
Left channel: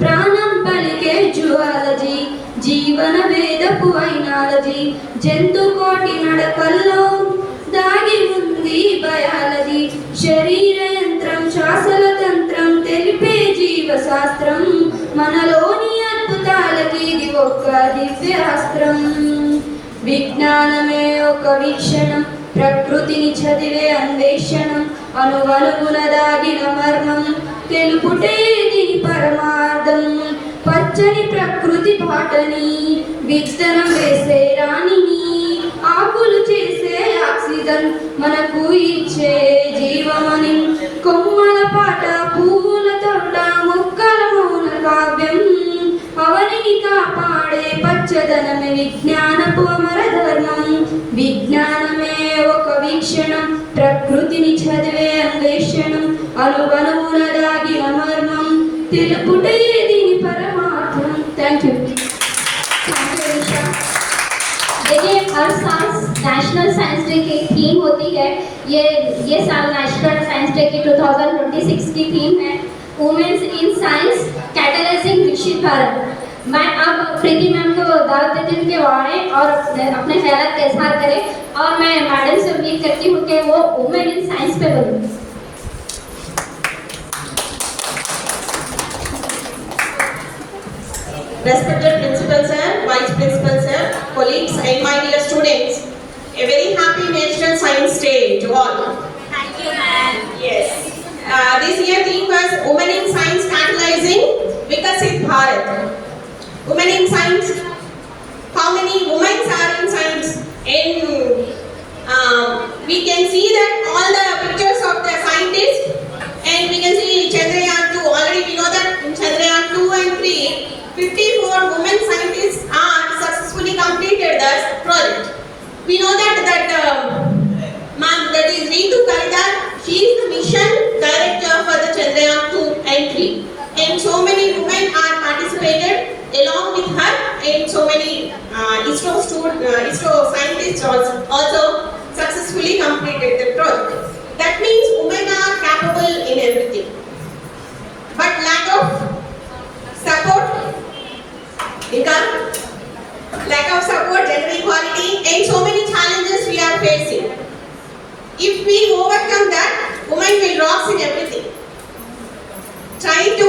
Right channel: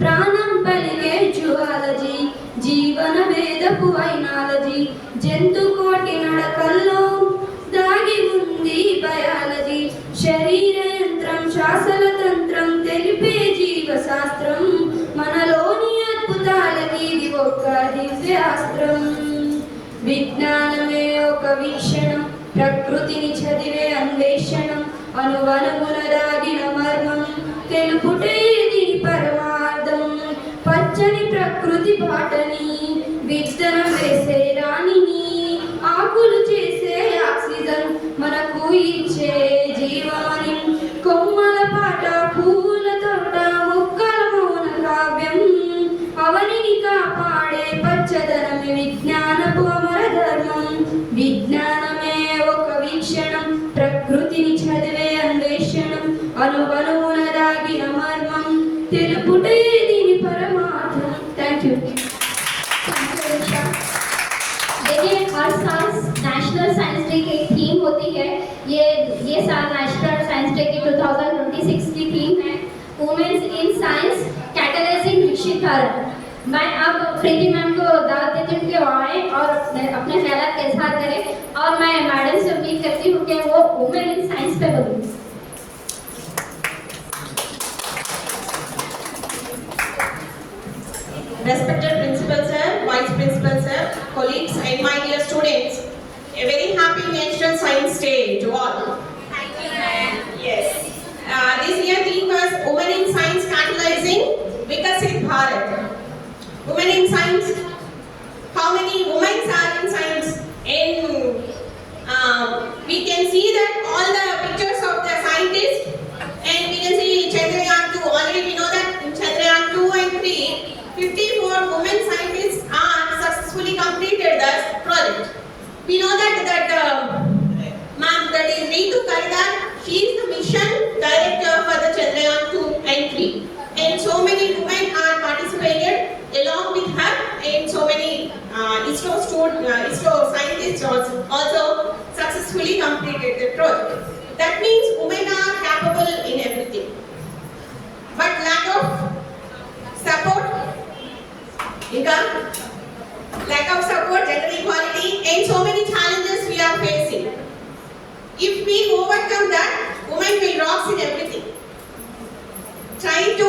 ప్రాణం పలికే జువాలజీ, జీవన వేదపు ఐనాలజీ. జంతు కోటి నడకల్లో దాగి ఉంది బయాలజీ. శరీర యంత్రం, శ్వాసల తంత్రం తెలిపే జీవశాస్త్రం. మనలోని అద్భుతాలకి ఇది ఒక దివ్యాస్త్రం. విజ్ఞానమే ఒక వీక్షణం, ప్రకృతిని చదివే అన్వేషణం, అణువణువున దాగిన మర్మం, తెలుపుటే దీని పరమార్థం. పచ్చని ప్రకృతి బాటని, విత్తనం వేసే రాణిని, ఆకులు చేసే ఆక్సిజన్ మనకు ఇచ్చే జీవమని. కొమ్మల పాట, పువ్వుల తోట, మొక్కల మౌన కావ్యం, అవనిని కాపాడే పచ్చదనమే విజ్ఞానపు అమర ధర్మం. విజ్ఞానమే ఒక వీక్షణం, ప్రకృతిని చదివే అన్వేషణం, అణువణువున దాగిన మర్మం, తెలుపుటే దీని పరమార్థం. Thank you. देखिए हर साल नेशनल साइंस डे की थीम होती है। ये साल नेशनल साइंस डे की 2026 की थीम है women's in science catalysing Viksit Bharat. मैं अब प्रीति मैम को दावत देती हूँ कि वो आए और अपने ख्यालात का इजहार करें और मैं मैडम से उम्मीद करती हूँ कि वो वुमेन इन साइंस पे बोलें। Respected Principal Sir, Vice Principal Sir, colleagues and my dear students, a very happy National Science Day to all. Thank you, ma'am. Yes. This year theme was Women in Science Catalyzing Vikasit Bharat. Women in Science. How many women are in science? We can see that all the pictures of the scientists, and we can see Chandrayaan 2. Already we know that in Chandrayaan 2 and 3, 54 women scientists are successfully completed the project. We know that ma'am, that is Ritu Karidar, she is the mission ISRO scientists also successfully completed the project. That means women are capable in everything. But lack of support, gender equality, and so many challenges we are facing. If we overcome that, women will rock in everything. Try to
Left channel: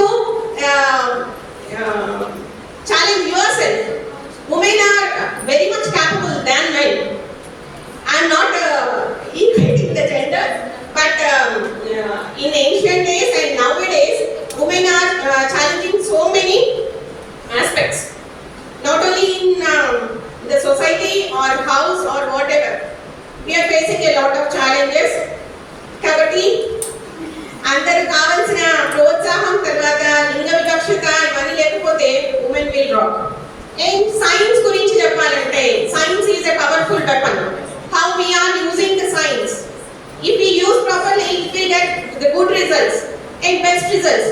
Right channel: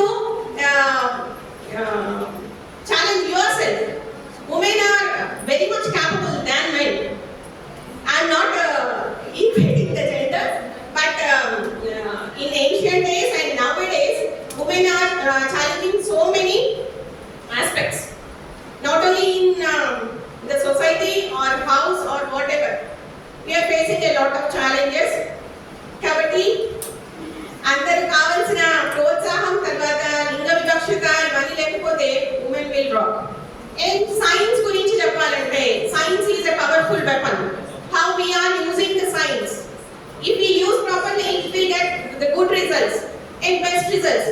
challenge yourself. Women are very much capable than men. I am not equating the gender, but in ancient days and nowadays, women are challenging so many aspects. Not only in the society or house or whatever. We are facing a lot of challenges. Kabatti, అందరు కావాల్సిన ప్రోత్సాహం తర్వాత లింగ వివక్షత ఇవన్నీ లేకపోతే women will rock. And science గురించి చెప్పాలంటే science is a powerful weapon. How we are using the science. If we use properly, we will get the good results and best results.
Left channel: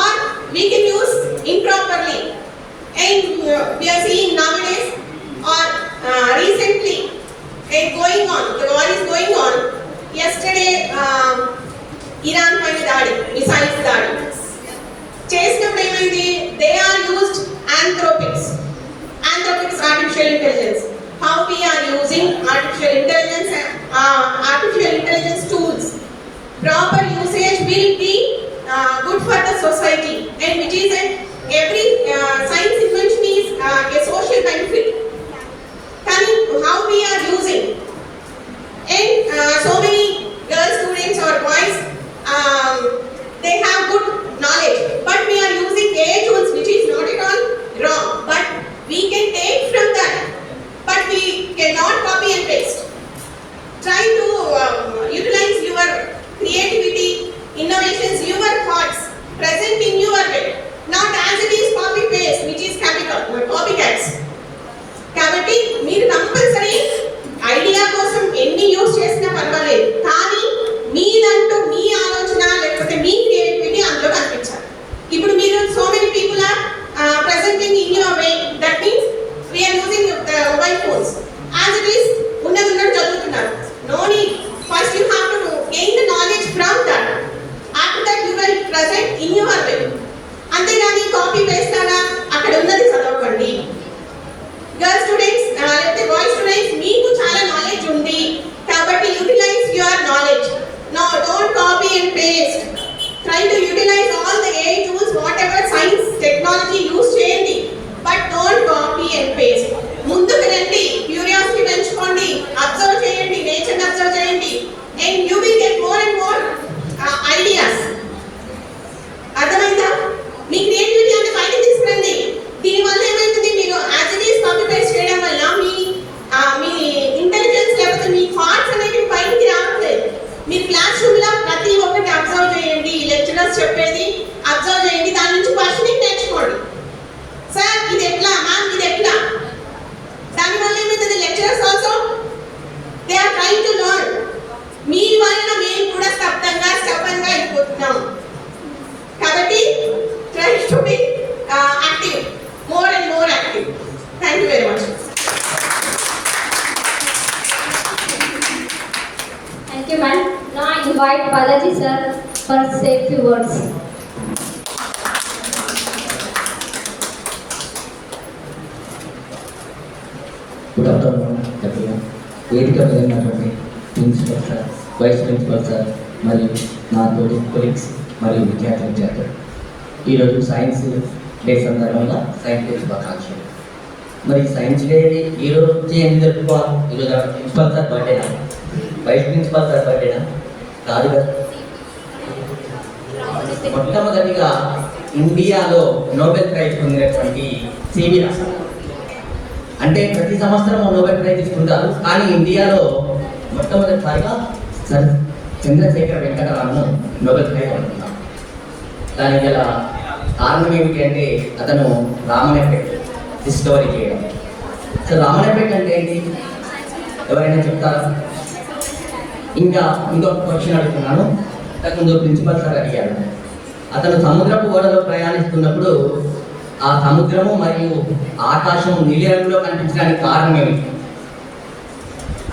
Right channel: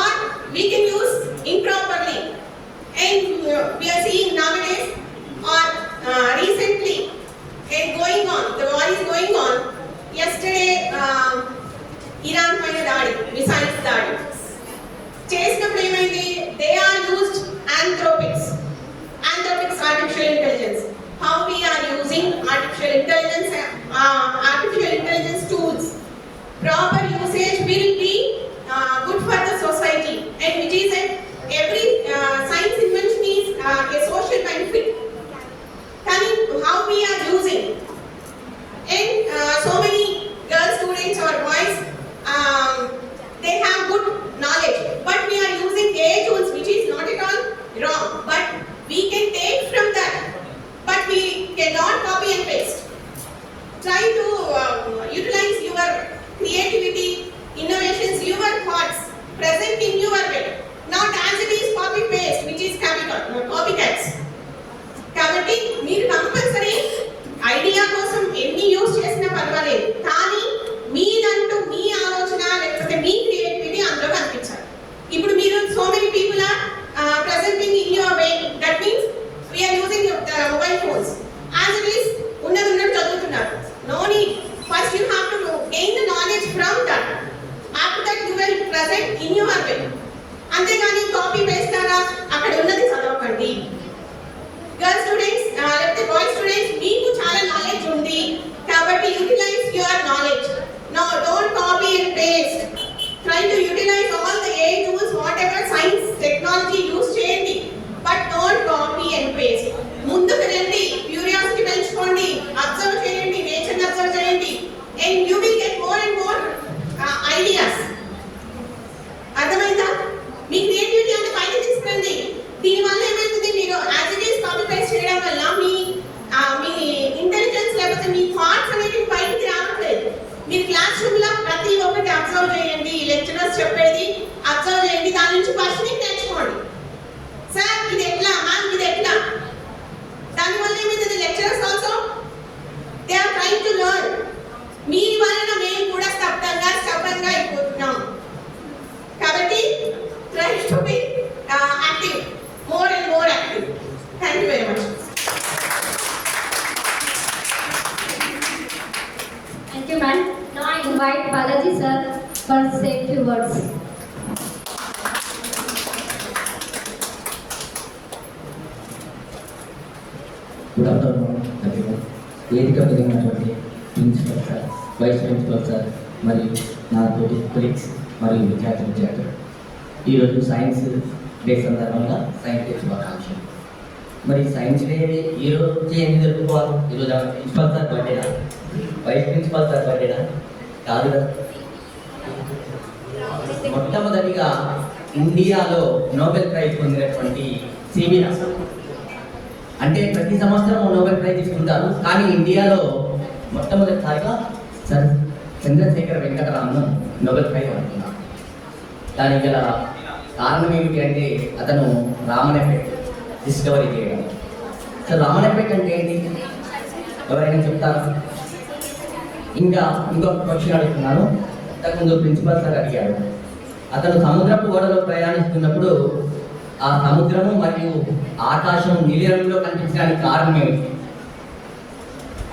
Or we can use improperly. And we are seeing nowadays or recently and going on, the war is going on. Yesterday, Iran పైన దాడి, missiles దాడి చేసినప్పుడు ఏమైంది? They are used anthropics, artificial intelligence. How we are using artificial intelligence tools. Proper usage will be good for the society, and which is every science invention is a social benefit. How we are using, and so many girl students or boys, they have good knowledge, but we are using AI tools, which is not at all wrong, but we can take from that, but we cannot copy and paste. Try to utilize your creativity, innovations, your thoughts present in your way, not as it is copy paste, which is copycats. కాబట్టి మీరు compulsory idea కోసం ఎన్ని use చేసినా పర్వాలేదు, కానీ మీదంటూ మీ ఆలోచన లేకపోతే మీ creativity అందులో కనిపించాలి. ఇప్పుడు మీరు so many people are presenting in your way, that means we are using the mobile phones as it is ఉన్నది ఉన్నట్టు చదువుతున్నారు. No need, first you have to gain the knowledge from that, after that you will present in your way. అంతేగాని copy paste లాగా అక్కడ ఉన్నది చదవకండి. Girl students లేకపోతే boy students, మీకు చాలా నాలెడ్జ్ ఉంది కాబట్టి utilise your knowledge. No, don't copy and paste. Try to utilise all the AI tools, whatever science technology use చేయండి, but don't copy and paste. ముందుకు రండి, క్యూరియాసిటీ పెంచుకోండి, observe చేయండి, నేచర్ని అబ్జర్వ్ చేయండి, and you will get more and more ideas. అర్థమైందా? మీ creativity అంటే బయటకు తీసుకురండి. దీనివల్ల ఏమవుతుంది, మీరు as it is copy paste చేయడం వల్ల మీ ఇంటెలిజెన్స్ లేకపోతే మీ థాట్స్ అనేవి బయటికి రావట్లేదు. మీరు క్లాస్ రూమ్లో ప్రతి ఒక్కటి అబ్జర్వ్ చేయండి, లెక్చరర్స్ చెప్పేది అబ్జర్వ్ చేయండి, దాని నుంచి క్వశ్చనింగ్ నేర్చుకోండి. సార్ ఇది ఎట్లా, మ్యామ్ ఇది ఎట్లా. దానివల్ల ఏమవుతుంది, lecturers also they are trying to learn. మీ వలన మేము కూడా స్టబ్బంగా అయిపోతున్నాం. కాబట్టి try to be active, more and more active. Thank you very much. Thank you, ma'am. Now I invite Balaji sir for say few words. Good afternoon everyone. వేదిక మీద ఉన్నటువంటి principal sir, vice principal sir మరియు నా తోటి colleagues మరియు విద్యార్థులు, ఈరోజు science day సందర్భంగా సైన్స్ డే శుభాకాంక్షలు. మరి సైన్స్ డే ఈ రోజు ఎందుకు జరుపుకోవాలి? ఈరోజు ప్రిన్సిపల్ సార్ బర్త్డేనా, వైస్ ప్రిన్సిపల్ సార్ బర్త్డేనా? కాదు కదా. మొట్టమొదటిగా ఇండియాలో నోబెల్ ప్రైజ్ పొందినటువంటి సివి రామన్. అంటే ప్రతి సంవత్సరం నోబెల్ ప్రైజ్ తీసుకుంటారు, కానీ ఇండియాలో మొట్టమొదటిసారిగా sir Chandrasekhara Venkataraman Nobel prize అందుకున్నాడు. దానికి గల కారణం ఏమిటి అంటే అతను రామన్ ఎఫెక్ట్ డిస్కవరీ చేయడం. సో రామన్ ఎఫెక్ట్ అంటే ఏంటి, ఎవరైనా చెప్తారా? ఇంకా ఇంకొక క్వశ్చన్ అడుగుతున్నాను. అంతకుముందు ప్రిన్సిపల్ సార్ అడిగాడు, అతను సముద్రపు ఓడలో ప్రయాణిస్తున్నప్పుడు ఆ సముద్రము మరియు ఆకాశం నీలిరంగులో కనిపించడానికి కారణం ఏమిటి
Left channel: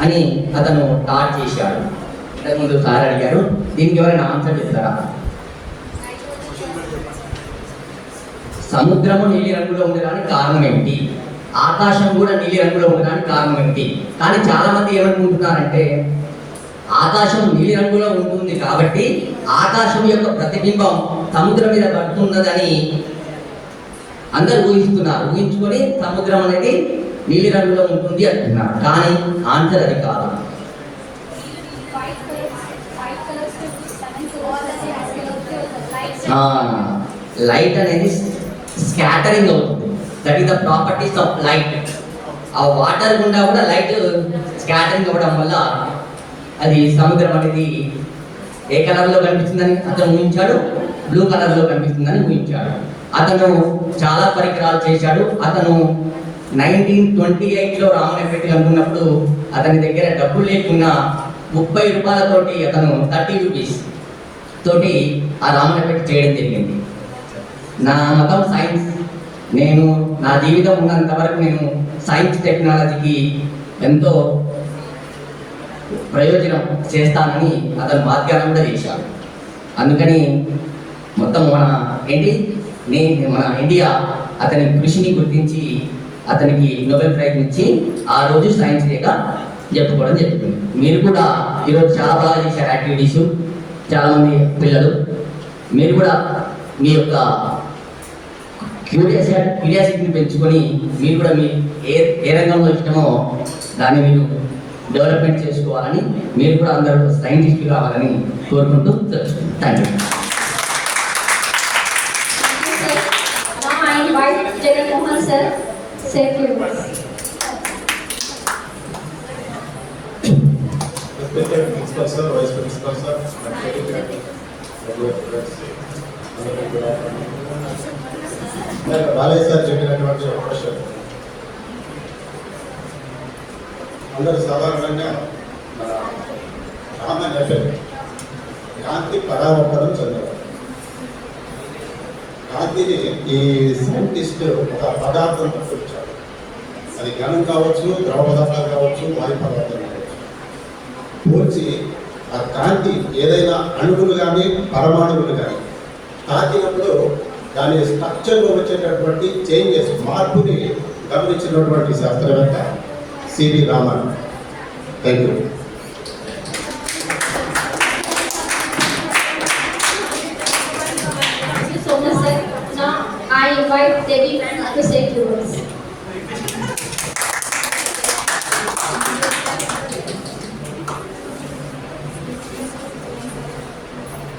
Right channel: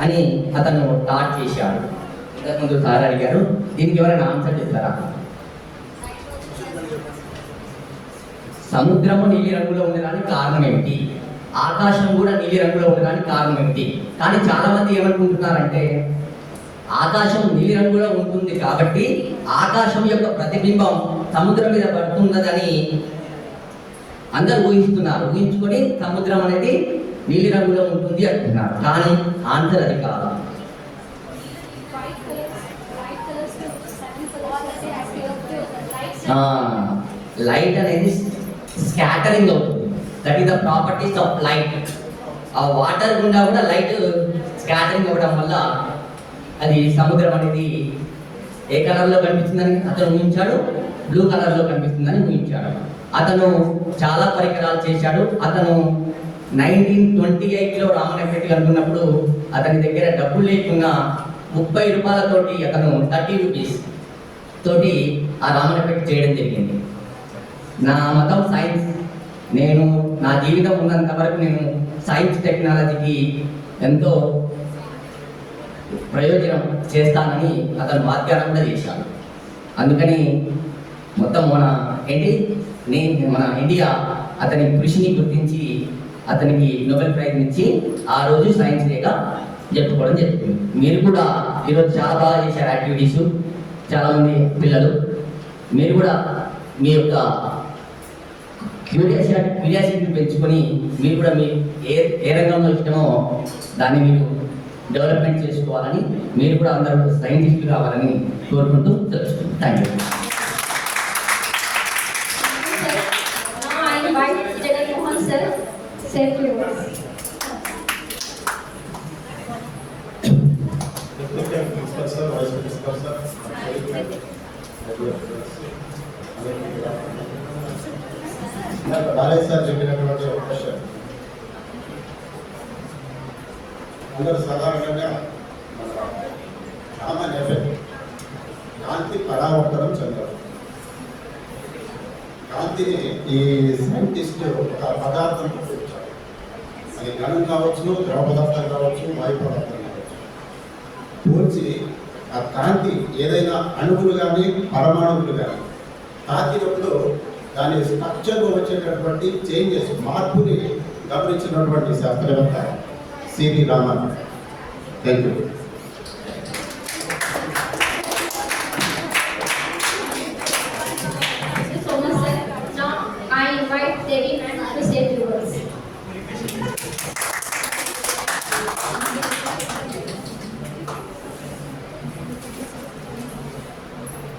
అని అతను టాట్ చేశాడు. ఇంతకుముందు సార్ అడిగారు, దీనికి ఎవరైనా ఆన్సర్ చెప్తారా? సముద్రము నీలి రంగులో ఉండడానికి కారణం ఏమిటి, ఆకాశం కూడా నీలి రంగులో ఉండడానికి కారణం ఏమిటి? కానీ చాలా మంది ఏమనుకుంటున్నారంటే ఆకాశం నీలి రంగులో ఉంటుంది కాబట్టి ఆకాశం యొక్క ప్రతిబింబం సముద్రం మీద పడుతున్నదని అందరూ ఊహిస్తున్నారు. ఊహించుకొని సముద్రం అనేది నీలి రంగులో ఉంటుంది అంటున్నారు. కానీ ఆన్సర్ అది కాదు. లైట్ అనేది స్కాటరింగ్ అవుతుంది. That is the properties of light. ఆ వాటర్ గుండా కూడా లైట్ స్కాటరింగ్ అవ్వడం వల్ల అది సముద్రం అనేది ఏ కలర్లో కనిపిస్తుందని అతను ఊహించాడు, బ్లూ కలర్లో కనిపిస్తుందని ఊహించాడు. అతను చాలా పరికరాలు చేశాడు. అతను 1928లో రామన్నపేట అనుకున్నప్పుడు అతని దగ్గర డబ్బులు లేకున్నా 30 రూపాయలతోటి అతను 30 రూపీస్ తోటి ఆ రామన్నపేట చేయడం జరిగింది. నా మతం సైన్స్. నేను నా జీవితం ఉన్నంత వరకు నేను సైన్స్ టెక్నాలజీకి ఎంతో ప్రయోజనం చేస్తానని అతను వాగ్దానం కూడా చేశాడు. అందుకని మొత్తం మన ఇండియా అతని కృషిని గుర్తించి అతనికి నోబెల్ ప్రైజ్ ఇచ్చి ఆ రోజు సైన్స్ డేగా చెప్పుకోవడం జరుగుతుంది. మీరు కూడా ఈరోజు చాలా బాగా చేశారు యాక్టివిటీస్. చాలామంది పిల్లలు మీరు కూడా మీ యొక్క క్యూరియాసిటీని పెంచుకొని మీరు కూడా మీ ఏ రంగంలో ఇష్టమో దాన్ని మీరు డెవలప్మెంట్ చేసుకోవాలని, మీరు కూడా అందరూ సైంటిస్టులు కావాలని కోరుకుంటూ తెలుసుకుంటాం. Thank you. Jaganmohan sir safe yours. Principal sir, Vice Principal sir, Balayya sir చెప్పినటువంటి ఒక క్వశ్చన్. అందరూ సాధారణంగా మన కామన్ ఎఫెక్ట్ కాంతి పరావర్తనం చెందడం. కాంతిని ఈ సైంటిస్ట్ ఒక పదార్థంతో పోల్చాడు. అది ఘనం కావచ్చు, ద్రవ పదార్థం కావచ్చు, వాయు పదార్థం కావచ్చు. పోల్చి ఆ కాంతి ఏదైనా అణువులు కానీ పరమాణువులు కానీ తాకినప్పుడు దాని స్ట్రక్చర్లో వచ్చేటటువంటి చేంజెస్, మార్పుని గమనించినటువంటి శాస్త్రవేత్త CV Raman. Thank you. Thank you so much, sir. Now I invite Devi ma'am to say few words.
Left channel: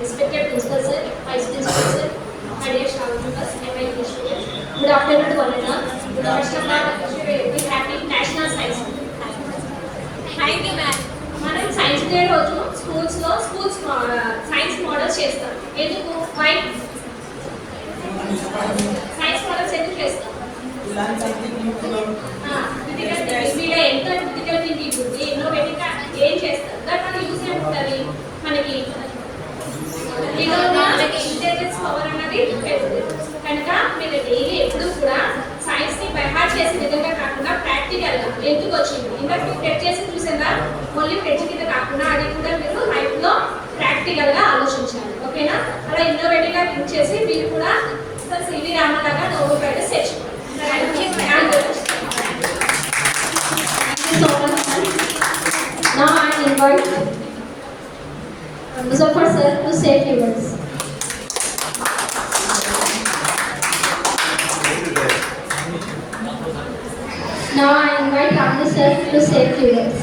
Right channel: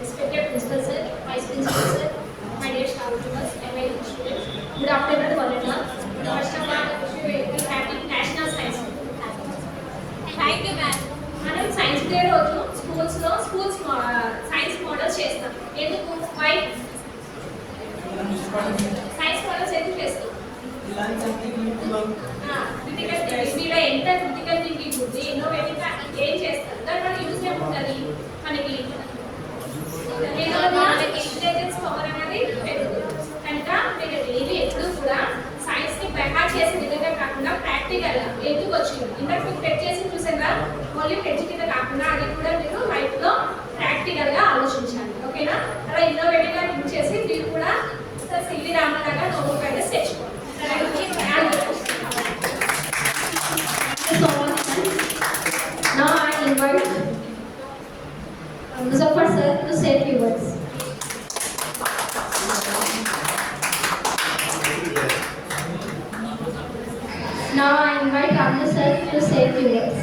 Respected Principal Sir, Vice Principal Sir, my dear staff members, and my dear students. Good afternoon to all of you. First of all, we happy National Science Day. Thank you, ma'am. మనం science day రోజు స్కూల్స్లో science models చేస్తాం. ఎందుకు? Why science models ఎందుకు చేస్తాం? మీలో ఎంత critical thinking ఉంది, ఇన్నోవేటివ్గా ఏం చేస్తారు, దానివల్ల యూజ్ ఏముంటుంది మనకి? ఇంటెలిజెన్స్ పవర్ అనేది పెరుగుతుంది. కనుక మీరు డైలీ ఎప్పుడు కూడా సైన్స్ని బైహార్ట్ చేసే విధంగా కాకుండా ప్రాక్టికల్గా ఎందుకు వచ్చింది, ఇందాక మీరు టెస్ట్ చేసి చూసారా, ఓన్లీ టెస్ట్ కింద కాకుండా అది కూడా మీరు లైఫ్లో ప్రాక్టికల్గా ఆలోచించాలి. ఓకేనా? అలా ఇన్నోవేటివ్గా థింక్ చేసి మీరు కూడా సివి రామన్ లాగా నోబెల్ ప్రైజ్ తెచ్చుకోండి. Now I invite Muzaffar sir to say few words. Now I invite Ramna sir to say few words.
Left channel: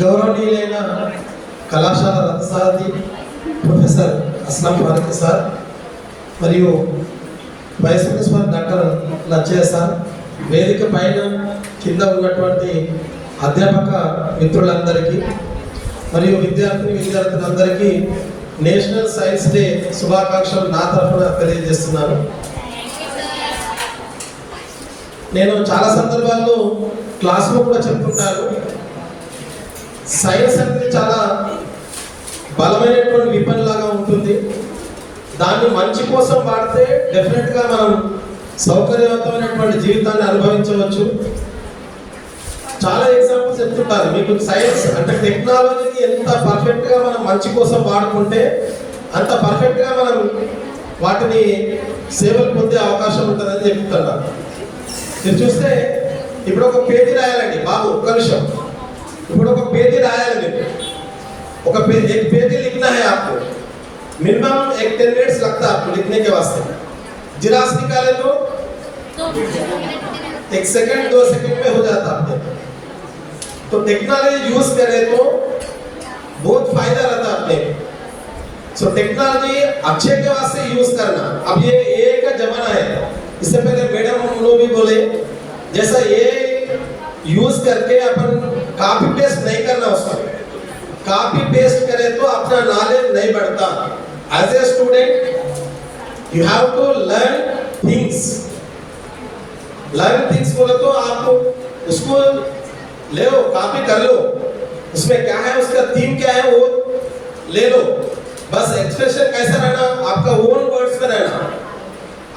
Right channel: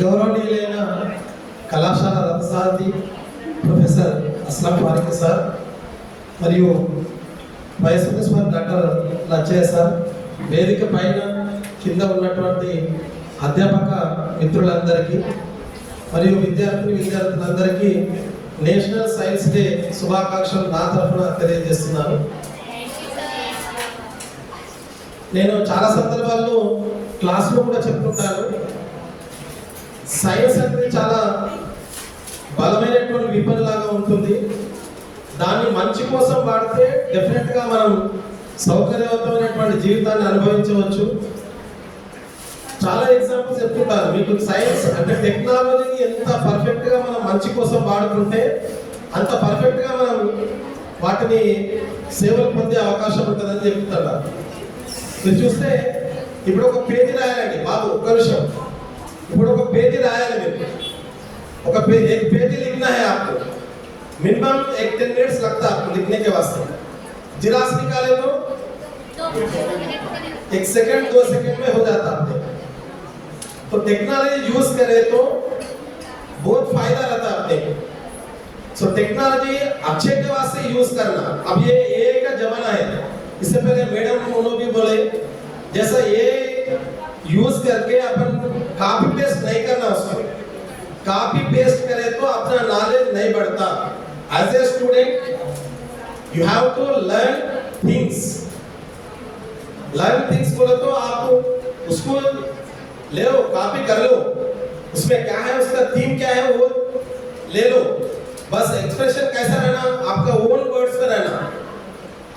గౌరవనీయులైన కళాశాల రథసారథి ప్రొఫెసర్ అస్లం ఫారూక్ సార్ మరియు vice principal doctor Lachaiah sir, వేదిక పైన కింద ఉన్నటువంటి అధ్యాపక మిత్రులందరికీ మరియు విద్యార్థులందరికీ నేషనల్ సైన్స్ డే శుభాకాంక్షలు నా తరఫున తెలియజేస్తున్నాను. నేను చాలా సందర్భాల్లో క్లాస్లో కూడా చెప్తుంటారు, సైన్స్ అనేది చాలా బలమైనటువంటి విపన్ లాగా ఉంటుంది. దాన్ని మంచి కోసం వాడితే డెఫినెట్గా మనం సౌకర్యవంతమైనటువంటి జీవితాన్ని అనుభవించవచ్చు. చాలా ఎగ్జాంపుల్స్ చెప్తుంటారు మీకు. సైన్స్ అంటే టెక్నాలజీని ఎంత పర్ఫెక్ట్గా మనం మంచి కోసం వాడుకుంటే అంత పర్ఫెక్ట్గా మనం వాటిని సేవలు పొందే అవకాశం ఉంటుందని చెప్తున్నారు. మీరు చూస్తే ఇప్పుడు ఒక పేజీ రాయాలండి బాబు, ఒక్క నిమిషం. ఇప్పుడు ఒక పేజీ రాయాలి మీరు. ఒక पेज लिखना है आपको, मिनिमम 10 मिनट्स लगता है आपको लिखने के वास्ते. जिरास निकाले तो 1 सेकंड 2 सेकंड में हो जाता आपके. तो टेक्नोलॉजी यूज करें तो बहुत फायदा रहता है अपने. सो टेक्नोलॉजी अच्छे के वास्ते यूज करना. अब ये AI का जमाना है. इससे पहले मैडम उन्होंने भी बोले जैसा AI यूज करके अपन कॉपी पेस्ट नहीं करना. उसका कॉपी पेस्ट करे तो अपना नॉलेज नहीं बढ़ता. As a student you have to learn things. बोले तो आपको उसको ले लो, कॉपी कर लो, उसमें क्या है, उसका थीम क्या है वो ले लो. बस एक्सप्रेशन कैसा रहना, आपका ओन वर्ड्स में रहना.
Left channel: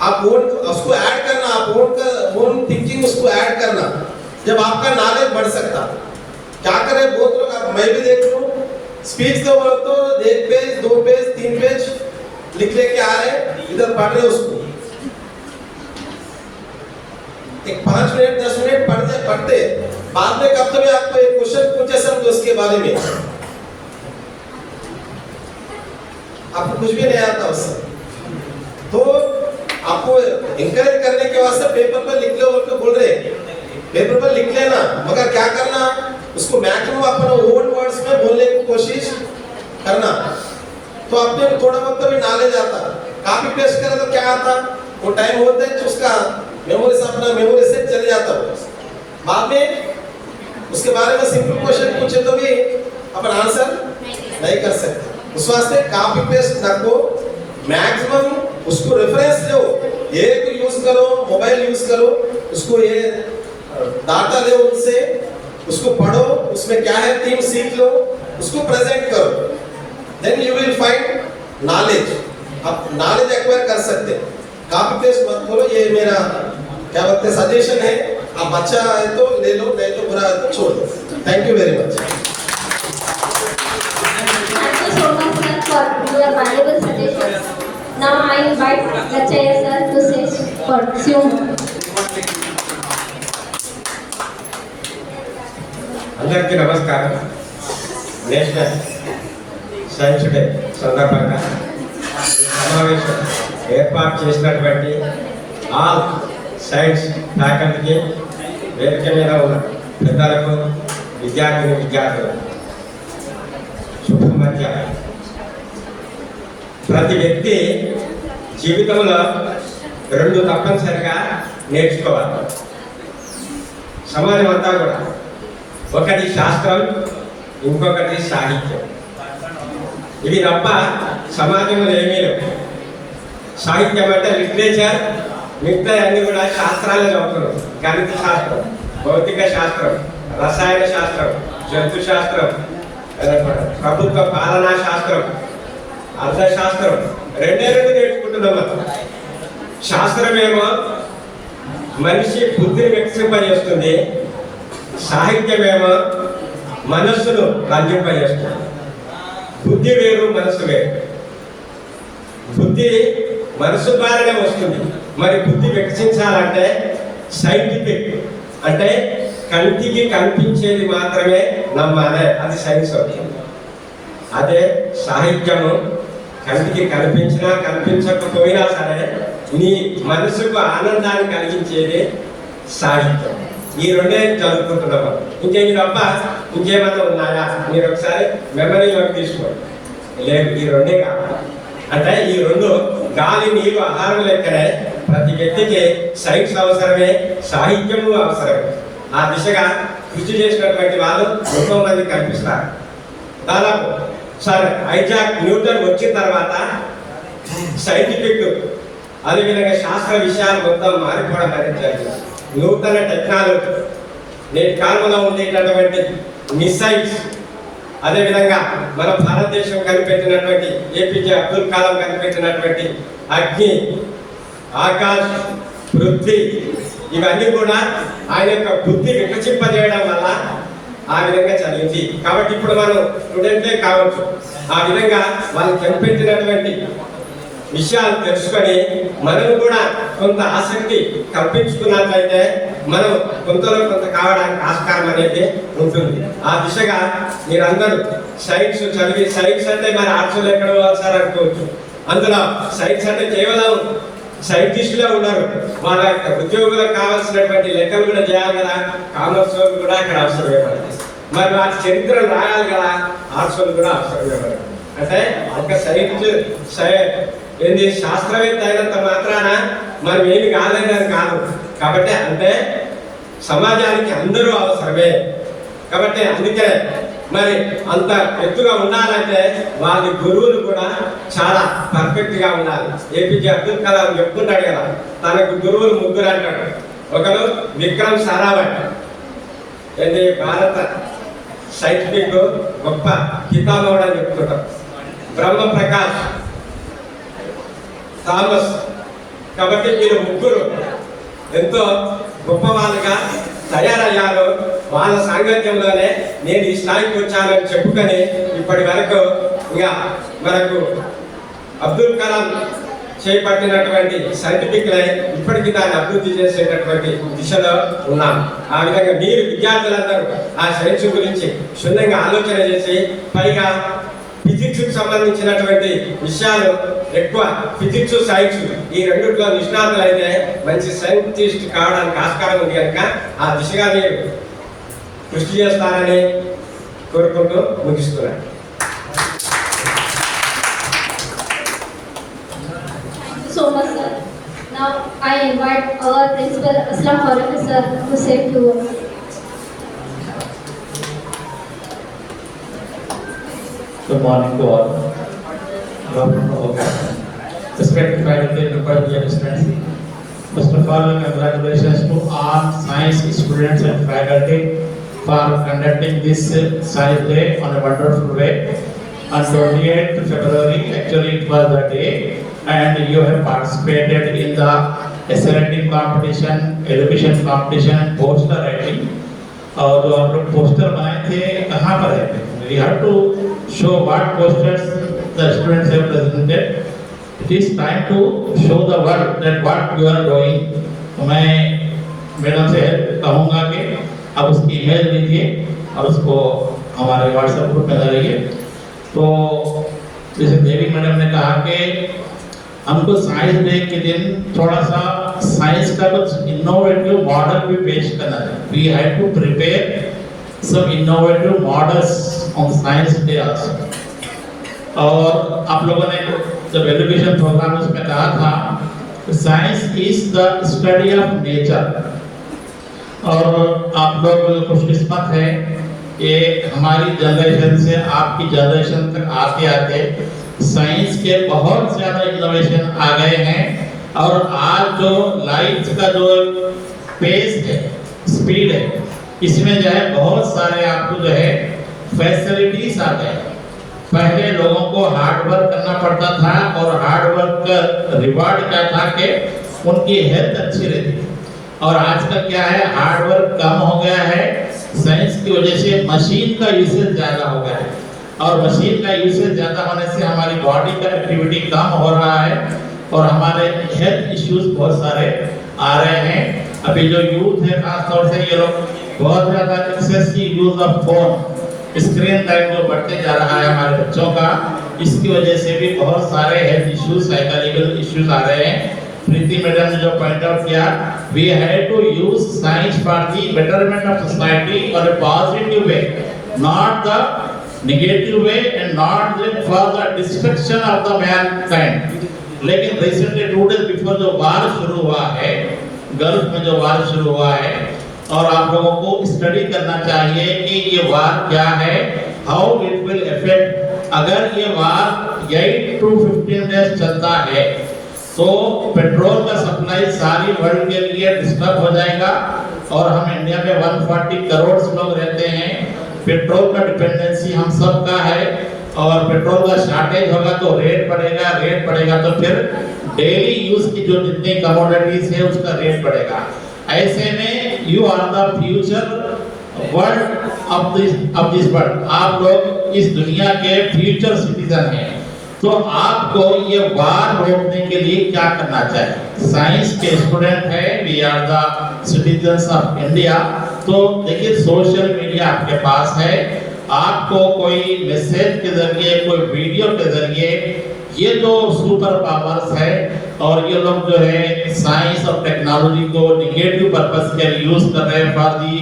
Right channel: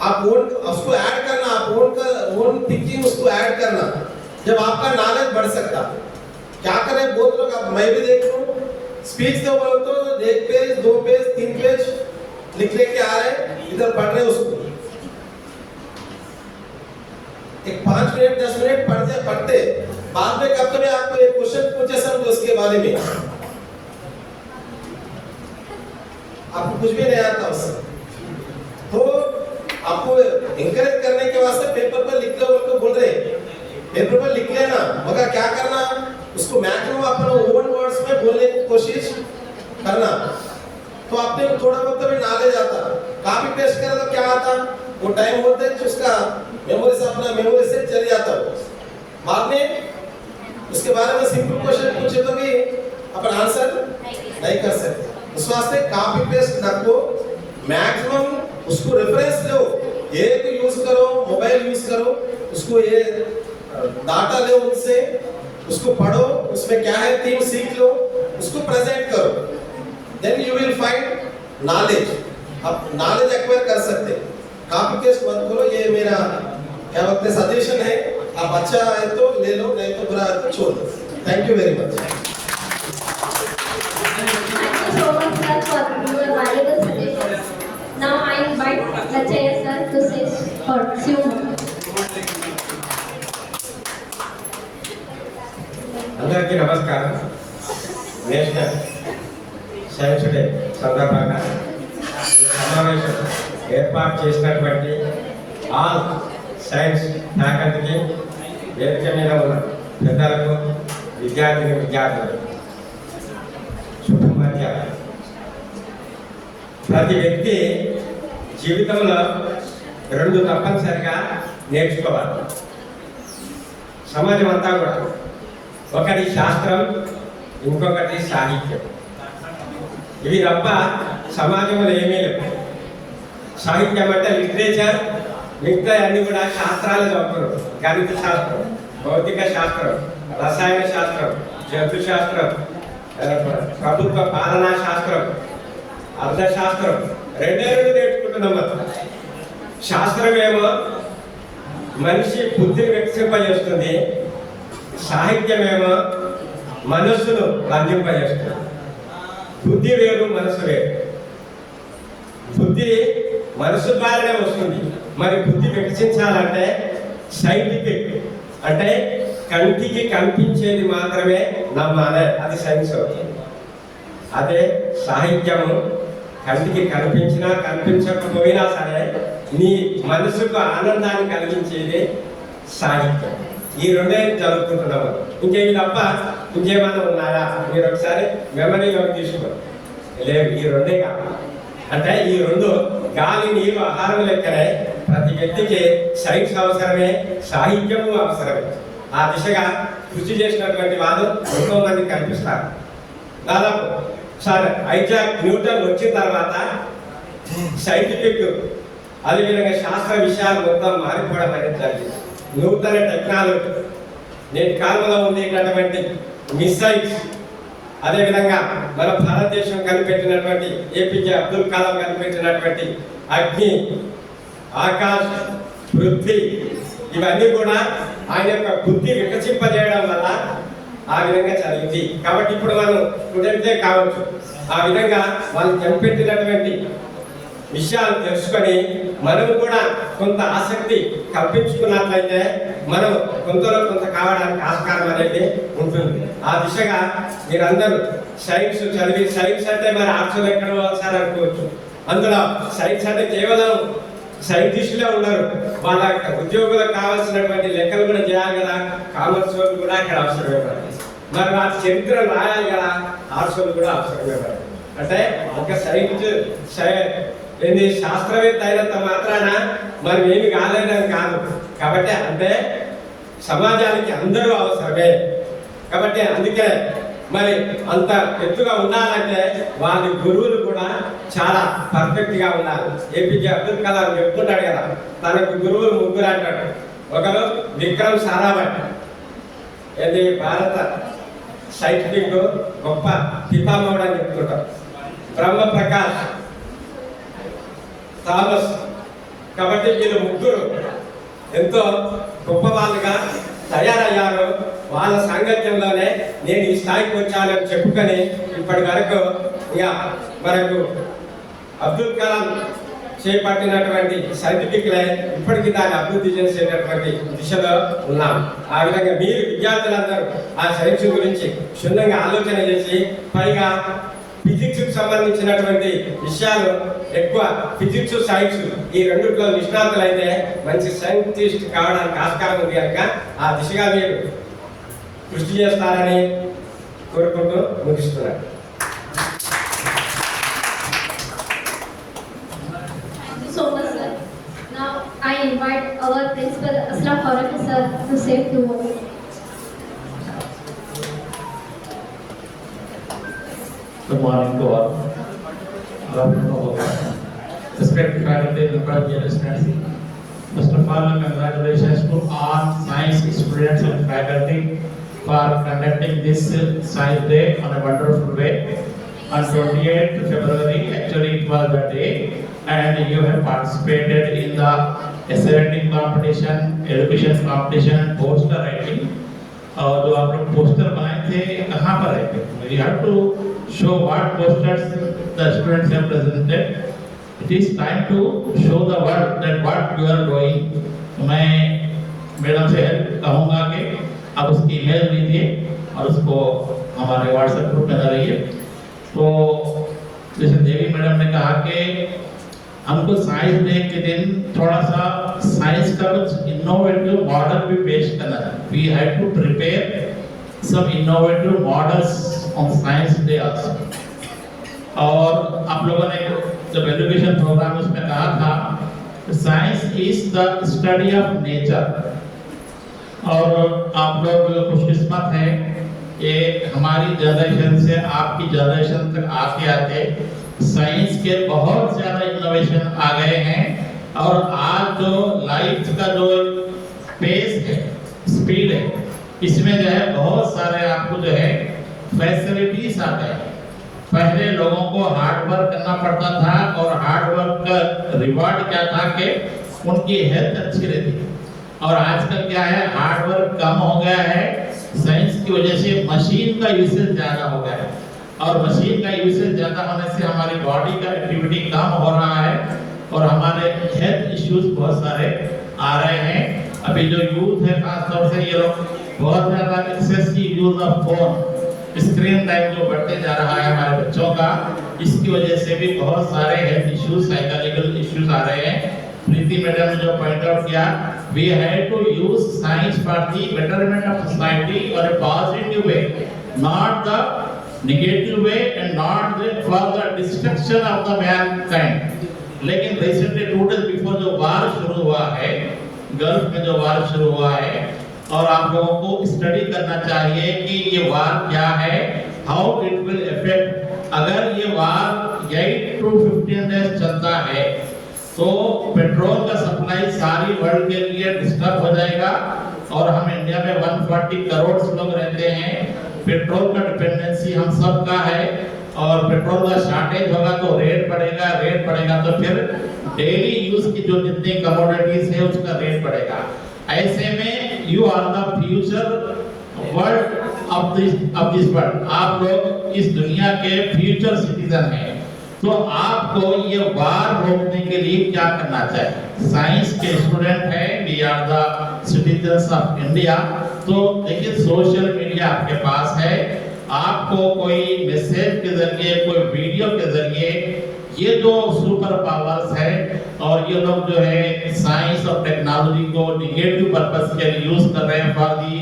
आप ओन उसको ऐड करना, आप ओन थिंकिंग उसको ऐड करना. जब आपका नॉलेज बढ़ सकता. क्या करें बहुत लोग, अब मैं भी देख लूं स्पीच तो बोलो तो 1 पेज 2 पेज 3 पेज लिख लेके आ रहे, इधर पढ़ रहे उसको. एक 5 मिनट 10 मिनट पढ़ते बाद में कब तो भी आपको एक क्वेश्चन पूछे समझो उसके बारे में, आपको कुछ भी नहीं आता उससे. तो आपको इंकरेज करने के वास्ते पेपर पर लिख लो बोल रहे, पेपर पर लिख लेना, मगर क्या करना उसको मैक्सिमम अपने ओन वर्ड्स में बोलने की कोशिश करना. तो आपने थोड़ा बहुत भी नॉलेज आता. कॉपी पेस्ट करा तो क्या आता, वो टाइम होता है उसका मेमोरी से अपना मेमोरी से चले जाता हो. बाद में उसके बारे में सिंपल क्वेश्चन पूछे तो भी अपन आंसर नहीं कर सकते. उस वास्ते कॉपी पेस्ट न को मैक्सिमम उसको रेफरेंस दो. एक यूज करो, मोबाइल यूज करो, उसको ये डाटा ले उनसे, उसको पढ़ो, उसमें क्या है थीम सीख लो, उसको प्रेजेंट करो. Then you will find knowledge. आप नॉलेज एक्वायर कर सकते हैं. कॉपी पेस्ट मत करो. ये मेरा क्या बोलते हैं सजेशन है. आप अच्छा है तो ले लो, नहीं तो बुरा है तो छोड़ दो. Thank you very much. Thank you so much sir for your valuable suggestions. Now I invite Lachaya sir to say for few more. అందరికీ నమస్కారం. నేషనల్ సైన్స్ డే సందర్భంగా ఈ సమావేశం ఏర్పాటు చేసినటువంటి ఆల్ సైన్స్ ఫ్యాకల్టీకి, వేదిక మీద ఉన్న పెద్దలకు, విద్యార్థులకు శుభ మధ్యాహ్నం. ప్రతి వ్యక్తి జీవితంలో 2 తప్పనిసరిగా నేర్చుకోవాలి. సమాజం అంతా కూడా ఒకటి శాస్త్రం, ఇంకొకటి సాహిత్యం. ఇవి తప్ప సమాజంలో ఏమీ లేవు. సాహిత్యం అంటే లిటరేచర్, మిగతా అన్ని కూడా శాస్త్రాలే చదువుతున్నాం. గణిత శాస్త్రం, భౌతిక శాస్త్రం, రసాయన శాస్త్రం, జంతు శాస్త్రం, ప్రభుత్వ పాలనా శాస్త్రం, అర్థశాస్త్రం, 2 నేర్చుకుంటున్నాం. శాస్త్రమేమో మనిషి బుద్ధిని వికసింపజేస్తుంది, సాహిత్యమేమో మనస్సును రంజింపజేస్తుంది. బుద్ధి వేరు, మనసు వేరు. బుద్ధి మనసు ద్వారానే వస్తుంది. మరి బుద్ధి వికసించాలంటే సైంటిఫిక్ అంటే కంటికి కనిపించేది మాత్రమే నమ్మాలి, అది సైన్స్ అవుతుంది. అదే సాహిత్యము కంటికి కనిపించినా కనిపించకపోయినా సరే నీ మనసుకు ఆనందాన్ని కలిగించేది సాహిత్యం. ఈ 2 చదువుకుంటున్నాము. ఇంకేమి తప్ప ఇంకేమన్నా ఉన్నాయా మీరు ఒకసారి మెమరీలోకి తీసుకోండి. లేదు, ఈ 2 కావాలి. అంటే ఈ 2 గాలి, నీరు, ఆహారం లెక్కనే ప్రతి వ్యక్తికి సైన్స్ అవసరమే, సాహిత్యము అవసరమే. ఆ దిశగా కృషి చేసినటువంటి వాళ్ళు ఎంతో మంది కనిపిస్తారు. దాదాపు సార్ ఐజాక్ న్యూటన్ వచ్చిన తర్వాత సైంటిఫిక్ అదేవిధంగా శాస్త్ర విషయాలు మొత్తం మారిపోవడం అనేది జరిగింది. నూతన టెక్నాలజీ నేటి కాలంలో ఉండేటటువంటి మిసైల్స్, అదేవిధంగా మన భారతదేశం కనిపెట్టినటువంటి ఏపీజే అబ్దుల్ కలాం కనిపెట్టినటువంటి అగ్ని, ఆకాశ్, పృథ్వీ, ఇవన్నీ కూడా ఆయన యొక్క బుద్ధి వికసింపజేయడం వల్ల ఆ విధంగా చదివింది. కాబట్టి ఇప్పుడు మనం స్టూడెంట్లే కావచ్చు, ఆ విధంగా వాళ్ళు కనిపెట్టినటువంటి విషయాలు తెలుసుకొని మనం కూడా కొంత ఆసక్తి కల్పించుకున్నట్లయితే మనం కొంతలో కొంత కావడానికి ఆస్కారం అనేది ఉంటుంది. ఆ దిశగా మీరందరూ సైన్స్ చదివి, సైన్స్ అంటే మన ఆర్ట్స్లో ఎక్కడో సార్ అనుకోవచ్చు, అందులో సైన్స్ అంటే కేవలం సైంటిస్టులే ఉన్నారు, వాళ్ళ ఉద్యోగులకు కావాల్సినటువంటి లెక్కలు కూడా చేయాలి కదా, కామర్స్ వాళ్ళు కూడా అక్కడ అవసరమే పడుతుంది. మరి వాటి చరిత్రను రాయాలి కదా, ఆర్ట్స్ వాళ్ళు కూడా అవసరమే పడుతుంది. అంటే ఒక ఏంది శాస్త్రవేత్త అయినంత మాత్రాన మనం ఏమి కాలేదని కాదు. కాబట్టి అంటే సమాజానికి అందరూ అవసరమే. కాబట్టి అందుకే మరి అంత ఎత్తుగా ఉండాలంటే వాళ్ళ గురువులు కూడా చాలా పర్ఫెక్ట్గా ఉండాలి. ఏపీజే అబ్దుల్ కలాం చెప్తుంటాడు కదా, తనకు గురువులు ముగ్గురు అంటాడు. ఒకరు విక్రమ్ సారాభాయ్, ఏంటి భారత సైంటిఫిక్ గొప్ప పితామహుడు అని చెప్తుంటాం. బ్రహ్మ ప్రకాష్, థామస్. కాబట్టి వీళ్ళు ముగ్గురు ఎంతో గొప్ప వాళ్ళుగా తయారయ్యారు. వాళ్ళ సాంగత్యంలోనే నేను ఈ స్థాయికి వచ్చానని చెప్పుకొని ఇప్పటి వరకు ఇంకా మనకు అబ్దుల్ కలాం చేపట్టినటువంటి సైంటిఫిక్ లైన్ ఇప్పటికీ దాన్ని అభివృద్ధి చేసేటటువంటి దిశలో ఉన్నాం. ఆ విధంగా మీరు విద్యార్థులందరూ ఆ సైన్స్ గురించి క్షుణ్ణంగా ఆలోచన చేసి, పైగా ఫిజిక్స్కి సంబంధించినటువంటి విషయాలు ఎక్కువ, ఫిజిక్స్ సైన్స్ ఈ రెండిట్లో నిష్ణాతులు అయితే మంచి సైంటిస్ట్ కావడానికి ఆస్కారం ఉంది కనుక ఆ దిశగా మీరు కృషి చేస్తారని కోరుకుంటూ ముగిస్తున్నాను. So much, sir. Now I invite our principal Aslam Farooqi sir to say a few words. Good morning to all. Respected faculty and dear students. First of all, congratulations to all science students and faculty for conducting this Science Day on a wonderful way. On 28th February, actually it was the day, and you have participated in the essay writing competition, education competition, poster writing. और जो आप लोग poster बनाए थे कहाँ पर है? We have to show what posters the students have presented. It is time to show the world that what you are doing. तो मैं मैडम से कहूँगा कि आप उसकी इमेज लीजिए और उसको हमारे व्हाट्सएप ग्रुप में डालिए। तो जैसे देवी मैडम ने कहा कि हमको साइंस डे के दिन थोड़ा सा साइंस का कुछ इनोवेटिव मॉडल भी पेश करना है. We had to prepare some innovative models on Science Day also. और आप लोगों ने जब एजुकेशन प्रोग्राम उसमें कहा था science is the study of nature, और आप लोग खुशकिस्मत है कि हमारी जनरेशन से आपकी जनरेशन तक आते आते साइंस के बहुत ज़्यादा इनोवेशन आ गए हैं। और आज जो लाइफ का जो पेस है, स्पीड है, इसमें जो है बहुत सारे आपको जो है फैसिलिटीज आ गए। पहले लोगों को हार्ड वर्क करना पड़ता था, और हार्ड वर्क का रिवार्ड क्या था कि उनकी हेल्थ अच्छी रहती थी। और आजकल क्या है, हार्ड वर्क कम हो गया है, साइंस की वजह से मशीन का यूसेज ज़्यादा हो गया है, और मशीन का यूसेज ज़्यादा होने से हमारी बॉडी का एक्टिविटी कम हो रहा है, और हमारे हेल्थ इश्यूज बहुत सारे आ रहे हैं। अभी जो यूथ है खासतौर से ये लोग बहुत ज़्यादा excessive use of phone, screen time जो बढ़ते जा रहा है हमारे बच्चों का, इसकी वजह से भी बहुत सारे हेल्थ इश्यूज, साइकोलॉजिकल इश्यूज आ रहे हैं। प्रीति मैडम ने जो पॉइंट आउट किया, we have to use science for the betterment of society और a positive way, not the negative way and not for the destruction of the mankind. लेकिन recently 2 days before जो war शुरू हुआ है, gulf में जो war शुरू हुआ है, और आप लोगों को स्टडी करना चाहिए कि ये वार क्या है, हाउ इट विल इफेक्ट। अगर ये वार 8 to 15 days चलता है तो पेट्रोल का सप्लाई सारी वर्ल्ड के लिए डिस्टर्ब हो जाएगा, और हम इंडिया में 140 करोड़ लोग रहते हैं। पेट्रोल का डिपेंडेंसी हम सब का है और पेट्रोल का शॉर्टेज होगा तो रेट बढ़ेगा तो फिर डेली यूज की जो जितनी कमोडिटीज है उसका रेट बढ़ेगा। ऐसे में you are the future world of this world, आप लोग इस दुनिया के फ्यूचर सिटीजन हैं। तो आपको ये वार रोकने के लिए क्या करना चाहिए? साइंस के स्टूडेंट है, we are the citizens of India. तो देखिए सोशल मीडिया आपके पास है, आपको कोई मैसेज के जरिए, कोई वीडियो के जरिए ये जो सुपर पावर्स है और ये लोग जो है साइंस और टेक्नोलॉजी को निगेटिव पर्पस के लिए यूज कर रहे हैं for the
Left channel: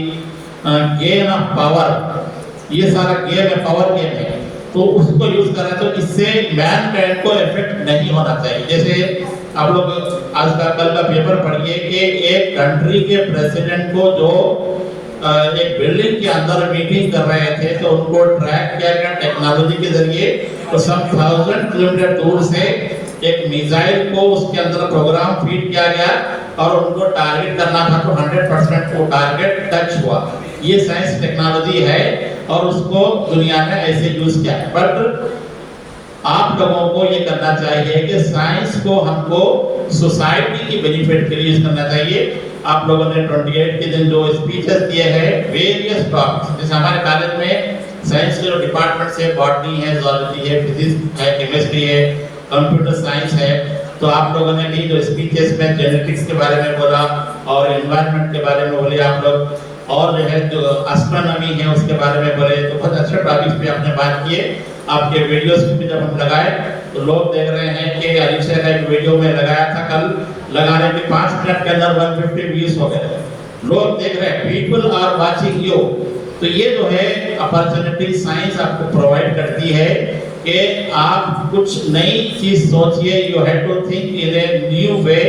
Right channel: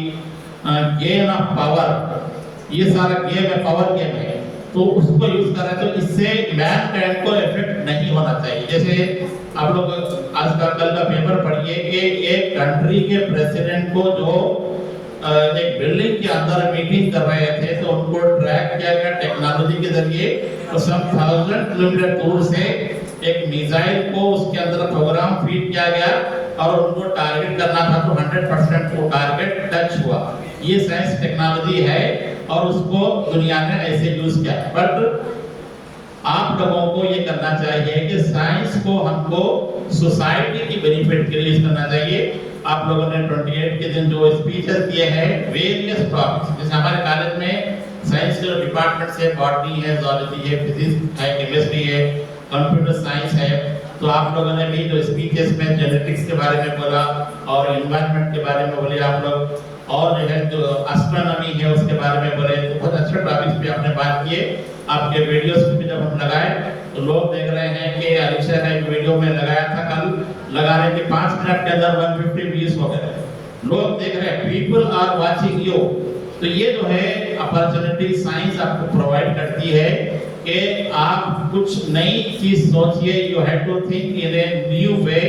gain of power. ये सारा गेम है, पावर गेम है, तो उसको यूज कर रहे हैं। तो इससे मैनकाइंड को इफेक्ट नहीं होना चाहिए। जैसे आप लोग आज का कल का पेपर पढ़िए कि एक कंट्री के प्रेसिडेंट को जो एक बिल्डिंग के अंदर मीटिंग कर रहे थे तो उनको ट्रैक किया गया टेक्नोलॉजी के जरिए। तो सम 1000 किलोमीटर दूर से एक मिसाइल को उसके अंदर प्रोग्राम फीड किया गया और उनको टारगेट करना था तो 100% वो टारगेट टच हुआ। ये साइंस टेक्नोलॉजी है और उसको दुनिया में ऐसे यूज किया है। बट आप लोगों को ये करना चाहिए कि साइंस को हमको सोसाइटी की बेनिफिट के लिए यूज करना चाहिए। आप लोगों ने 28 के दिन जो स्पीचेस दिए हैं वेरियस टॉपिक्स, जैसे हमारे कॉलेज में साइंस के जो डिपार्टमेंट्स है, बॉटनी है, जूलॉजी है, फिजिक्स है, केमिस्ट्री है, कंप्यूटर साइंस है, तो आप लोगों ने भी जो स्पीचेस में जेनेटिक्स के बारे में बोला और एनवायरनमेंट के बारे में बोले आप लोग, और जो है जो एस्ट्रोनॉमी है उसके बारे में बोले, तो बहुत अच्छे टॉपिक्स पे आपने बात किए। आपके वीडियोस भी जब हम लगाए तो लोग देख रहे हैं कि अलीशा का एक वीडियो में लगाया था कल, लगाने के 5 मिनट के अंदर 150 व्यूज हो गए। लोग देख रहे हैं, पीपल आर वाचिंग यू। तो ये जो है अपॉर्चुनिटी साइंस आपको प्रोवाइड करती है कि आप कुछ नई चीज सोचिए। You have to think in a new way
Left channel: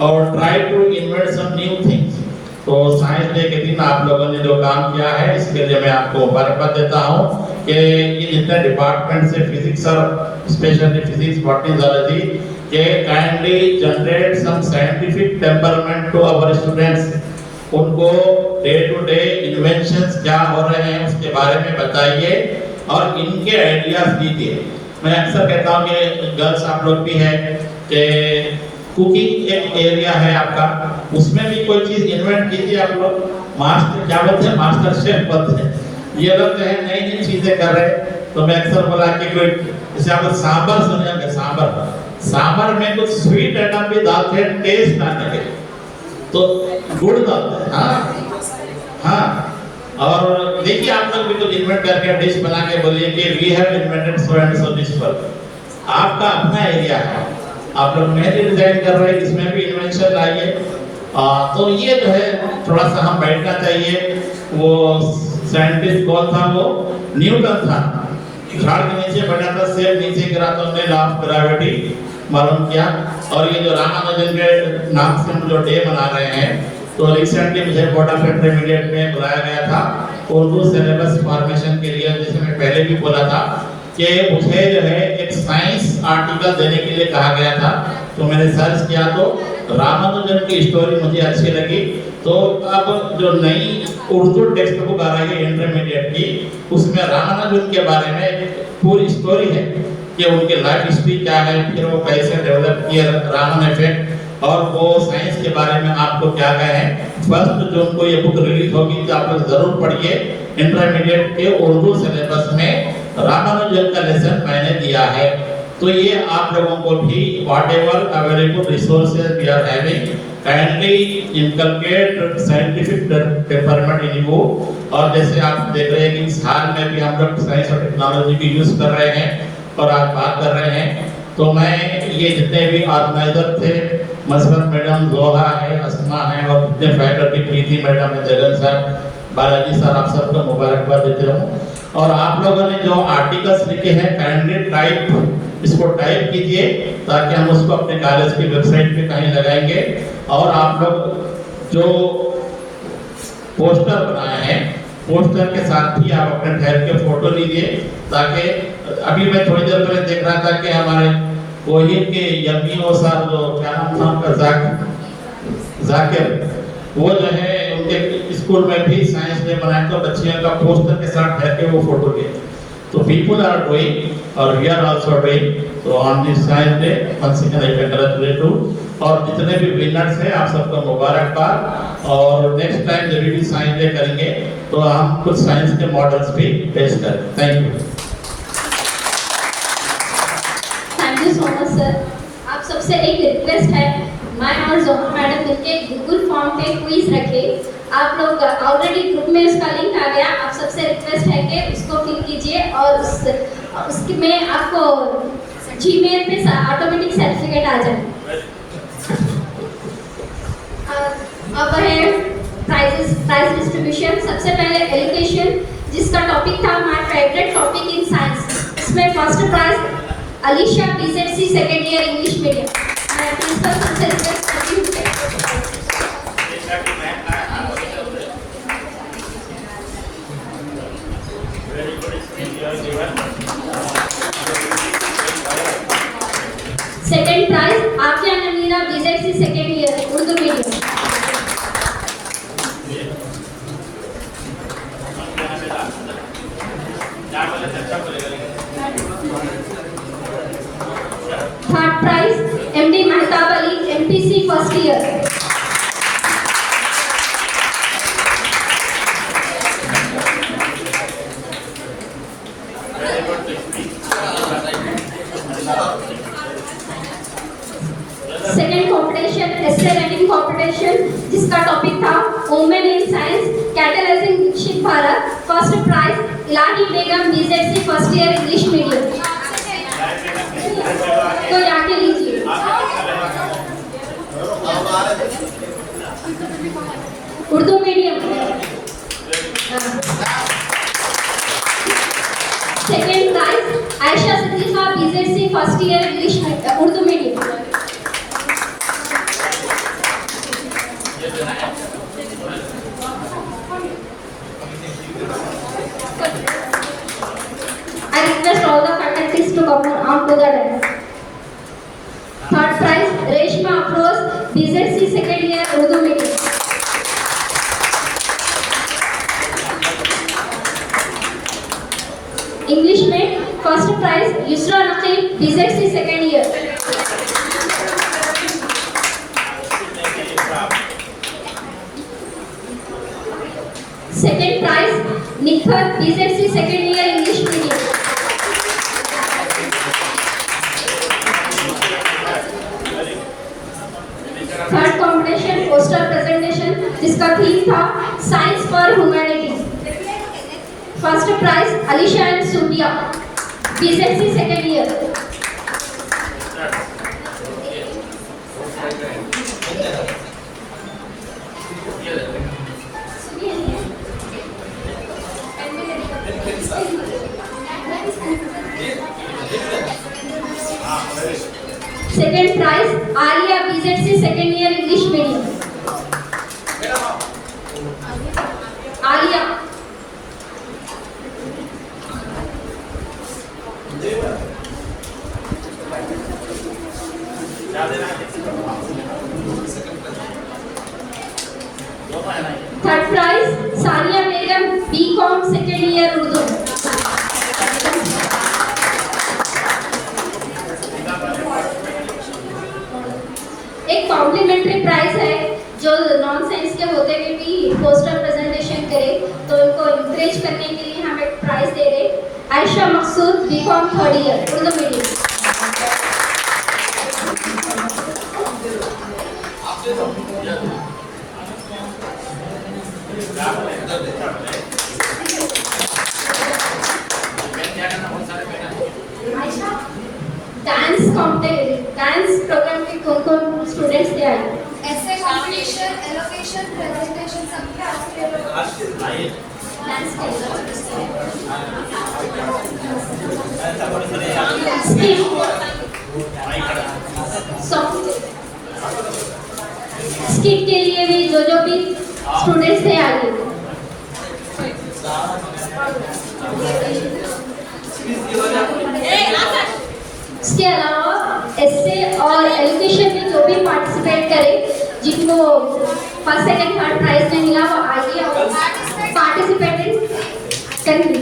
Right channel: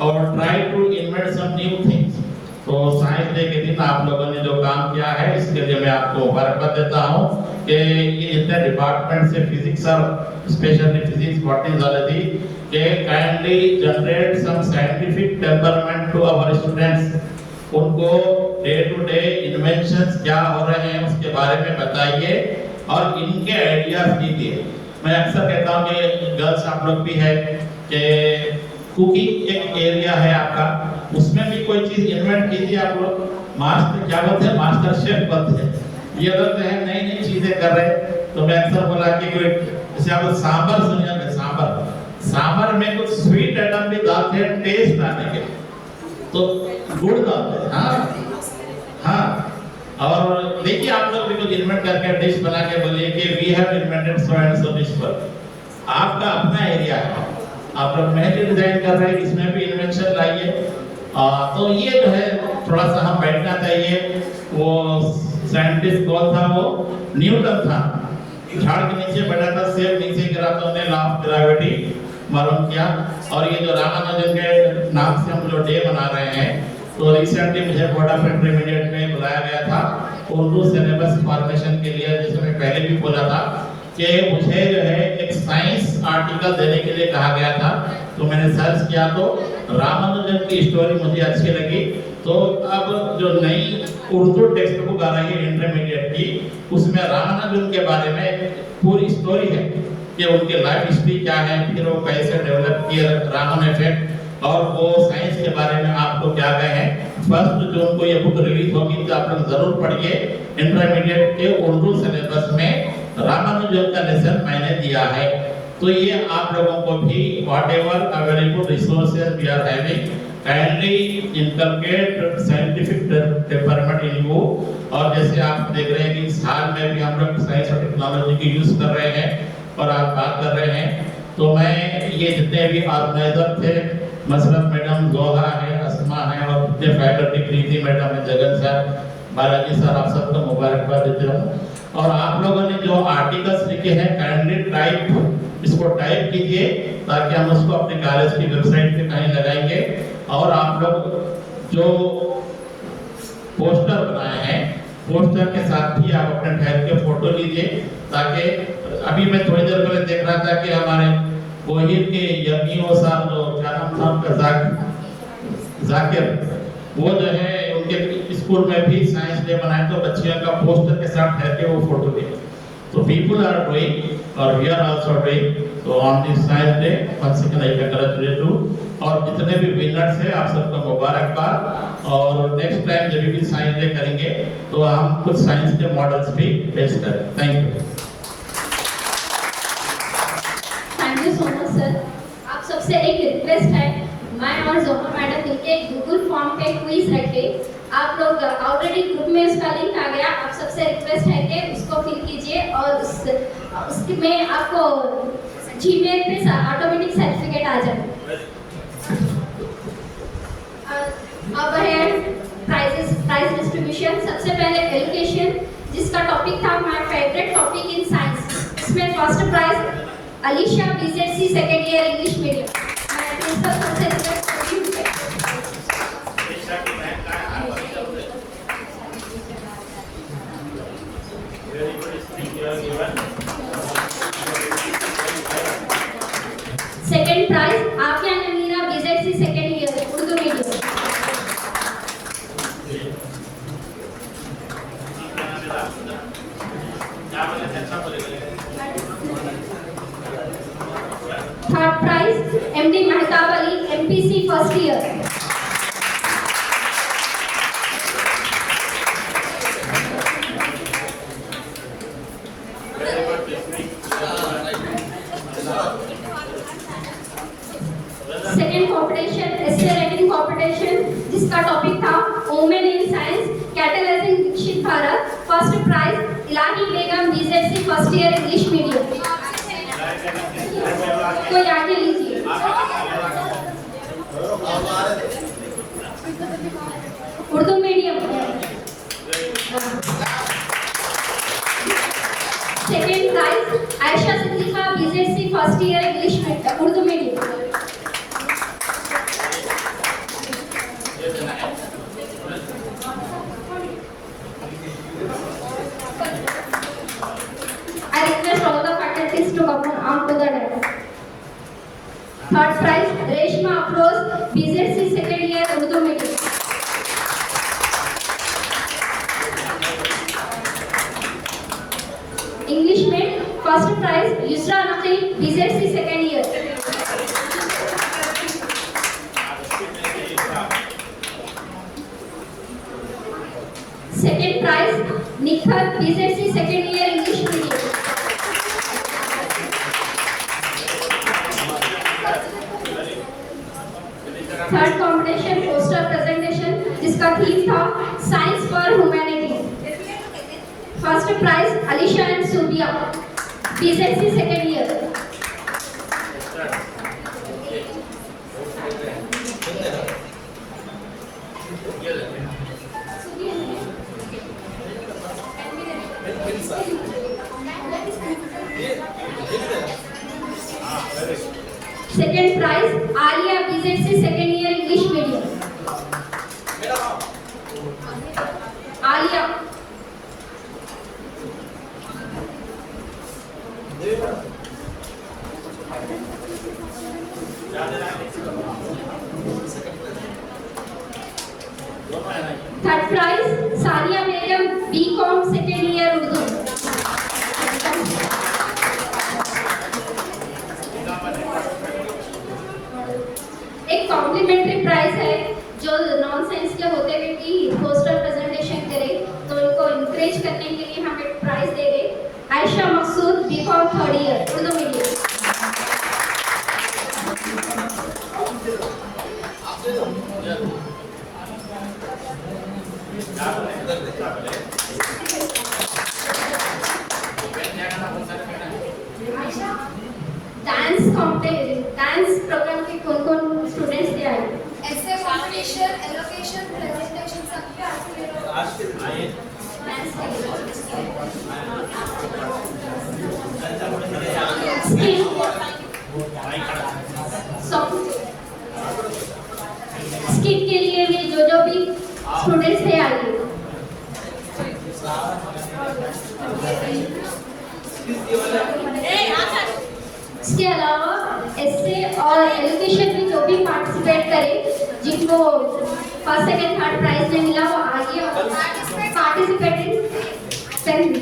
और try to invent some new things. तो साइंस डे के दिन आप लोगों ने जो काम किया है इसके लिए मैं आपको मुबारकबाद देता हूँ कि ये जितने डिपार्टमेंट से फिजिक्स और स्पेशली फिजिक्स, बॉटनी, जूलॉजी के kindly generate some scientific temperament to our students. उनको डे टू डे इन्वेंशंस क्या हो रहे हैं उसके बारे में बताइए और इनके आइडियाज दीजिए। मैं अक्सर कहता हूँ कि गर्ल्स आप लोग भी हैं कि कुकिंग एक एरिया है आपका, उसमें भी कोई चीज इन्वेंट कीजिए। आप लोग मास्टर क्या बोलते हैं, मास्टर शेफ बोलते हैं। ये लोग जो है नई नई चीजें कर रहे हैं। तो मैं अक्सर बोला कि कोई जैसे आप सांबर सुनिएगा, सांबर में कुछ स्वीट आइटम भी डालते हैं टेस्ट आने के, तो गुड़ डालते हैं। हाँ, और देखिए आप लोग भी कुछ इन्वेंट करके डिश बना के बोलिए कि we have invented so and so dish. पर आपका अपना एरिया है, आप लोग मेहंदी डिजाइन कर रहे हैं, इसमें भी इन्वेंशन लाइए। तो ये जो है थोड़ा सा हम बैठना चाहिए। वो साइंटिस्ट कौन था? वो न्यूटन था। झाड़ के नीचे बैठा था, सेब नीचे गिरा तो उन्हें लॉ ऑफ ग्रेविटी मालूम किया। और ये जो रामानुजन के नाम से हम जो डे मना रहे हैं, तो रिसेंटली मुझे बोर्ड ऑफ इंटरमीडिएट में बुलाया गया था उर्दू सिलेबस फॉर्मेशन के लिए। जैसे मैं पहले भी बोला था कि मुझे जो है एक साइंस आर्टिकल देने के लिए कहा गया था, तो मैंने सर्च किया तो रामानुजन की स्टोरी मुझे अच्छी लगी। तो अब जो नई उर्दू टेक्स्ट बुक आ रही है इंटरमीडिएट की, उसमें रामानुजन के बारे में पूरी स्टोरी है कि उनके लाइफ हिस्ट्री क्या है, फिर वो कैसे डेवलप किया रामन इफेक्ट, और वो साइंस के बारे में आपको क्या कहें। 1 जून को ये बुक रिलीज होगी, तो आप लोग जरूर पढ़िए। इंटरमीडिएट के उर्दू सिलेबस में रामानुजन का लेसन मैंने दिया है। तो ये आप लोगों को भी whatever available resources we are having, kindly inculcate scientific temperament in you। और जैसे आप देख रहे हैं कि इस हाल में भी हम लोग साइंस और टेक्नोलॉजी की यूज कर रहे हैं और आज बात कर रहे हैं। तो मैं ये जितने भी ऑर्गेनाइजर थे, मसरत मैडम, जोहा है, अस्मा है, और जितने फैकल्टी, प्रीति मैडम, जगन साहब, बालाजी सर, आप सबको मुबारकबाद देते रहूँ। और आप लोगों ने जो आर्टिकल्स लिखे हैं काइंडली इसको टाइप कीजिए ताकि हम उसको अपने कॉलेज की वेबसाइट पे कहीं लगाएंगे। और आप लोग जो पोस्टर बनाए हैं, पोस्टर के साथ भी आप अपने ठहर के फोटो लीजिए, ताकि अभी मैं थोड़ी देर पहले देख रहा था कि हमारे कोहिर के यमी सर, जो क्या नाम था उनका, जाकिर, वो जो है इनके स्कूल में भी साइंस डे मनाए तो बच्चियों का पोस्टर के साथ बैठ के वो फोटो लिए। तो पीपल आर डूइंग और वी आर आल्सो डूइंग। तो on this science day once again I congratulate you. और जितने भी विनर्स हैं आप सबको मुबारकबाद। और नेक्स्ट टाइम जब भी साइंस डे करेंगे तो हम कुछ साइंस के मॉडल्स भी पेश करें। Thank you. Thank you so much sir. आप सबसे एक रिक्वेस्ट है, मैं और जोहा मैडम मिलके गूगल फॉर्म पे क्विज रखे। आप लोग ऑलरेडी ग्रुप में उसका लिंक आ गया। आप सबसे रिक्वेस्ट है कि उसको फिल कीजिए और उसके में आपको जीमेल पे ऑटोमेटिक सर्टिफिकेट आ जाए। अब है प्राइज डिस्ट्रीब्यूशन। सबसे पहले एजुकेशन, जिसका टॉपिक था my favourite topic in science. इसमें first prize Alisha BZC second year English medium. मैं प्रिंसिपल सर से रिक्वेस्ट करती हूँ। Second prize Afia Namira BZC second year Urdu medium. Third prize MD Mehtab Ali MPC first year. Second competition essay writing competition, जिसका topic था women in science catalysing Viksit Bharat. First prize Ilahi Begum BZC first year English medium. कोई आके लीजिए। Urdu medium. Second prize Ayesha Siddiqua BZC first year English Urdu medium. I request all the faculties to come on to the dais. Third prize Reshma Afroz BZC second year Urdu medium. English में first prize Yusra Naqeel BZC second year. Second prize Nikhat BZC second year English medium. Third competition poster presentation, जिसका theme था science for humanity. First prize Alisha and Subia BZC second year. Second prize Alia BZC second year English medium. Alia. Third prize Sania Begum BCom second year Urdu. एक complimentary prize है जो non science के होते हुए भी poster presentation करे, तो इनको इंकरेज करने के लिए हम एक प्राइज दे रहे। Ayesha Maqsood BCom third year Urdu medium. Dance program के कौन-कौन स्टूडेंट्स थे आए? ऐसे कॉम्पिटिशन, एलोकेशन, प्रेजेंटेशन सब के आज के डांस स्किट के लिए भी जो भी स्टूडेंट्स थे आगे। इसके अलावा एस्से और एजुकेशन में जो भी पार्टिसिपेट करे, जिनको फर्स्ट सेकंड थर्ड प्राइज में मिला वो आइए और पार्टिसिपेटिंग करिए।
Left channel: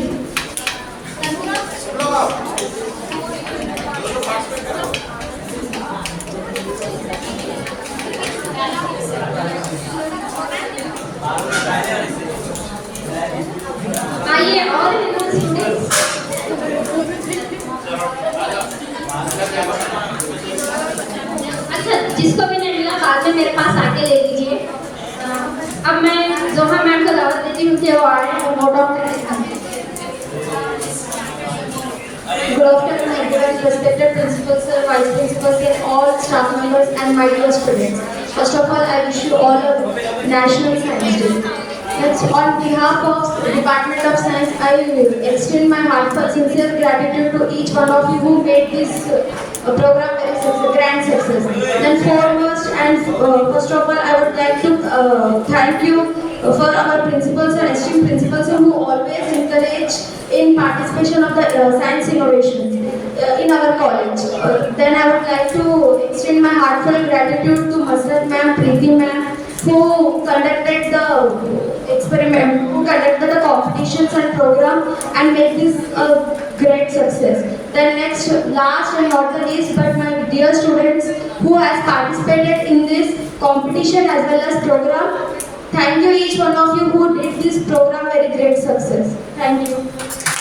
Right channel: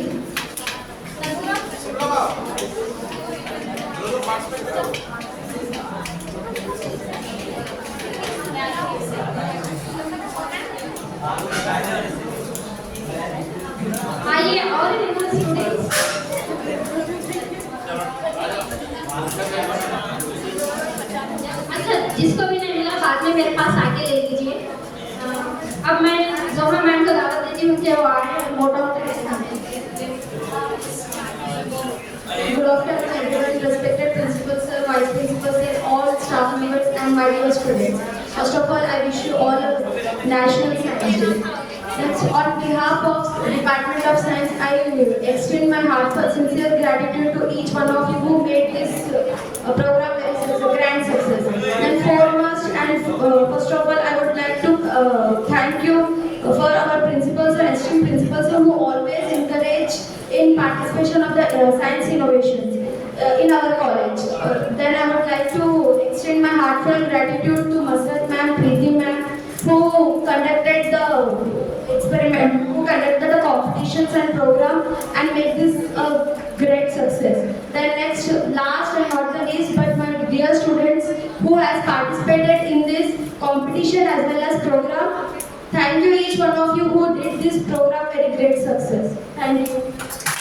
आइए और स्टूडेंट्स अच्छा जिसको भी नहीं मिला बाद में मेरे पास आके ले लीजिए। अब मैं जोहा मैम को दावत देती हूँ कि वो आए और नोट डाउन करें। Good afternoon everyone, respected principal sir, vice principal sir, all staff members and my dear students. First of all, I wish you all a National Science Day. Next, on behalf of the Department of Science, I extend my heartfelt sincere gratitude to each one of you who made this program very grand success. Then foremost and first of all, I would like to thank you for our principals and esteemed principals who always encourage in participation of the science innovations in our college. Then I would like to extend my heartfelt gratitude to Masrat ma'am, Preeti ma'am, who conducted the experiment, who conducted the competitions and program and made this a great success. Then next, last and not the least, but my dear students who has participated in this competition as well as program. Thank you each one of you who did this program very great success. Thank you.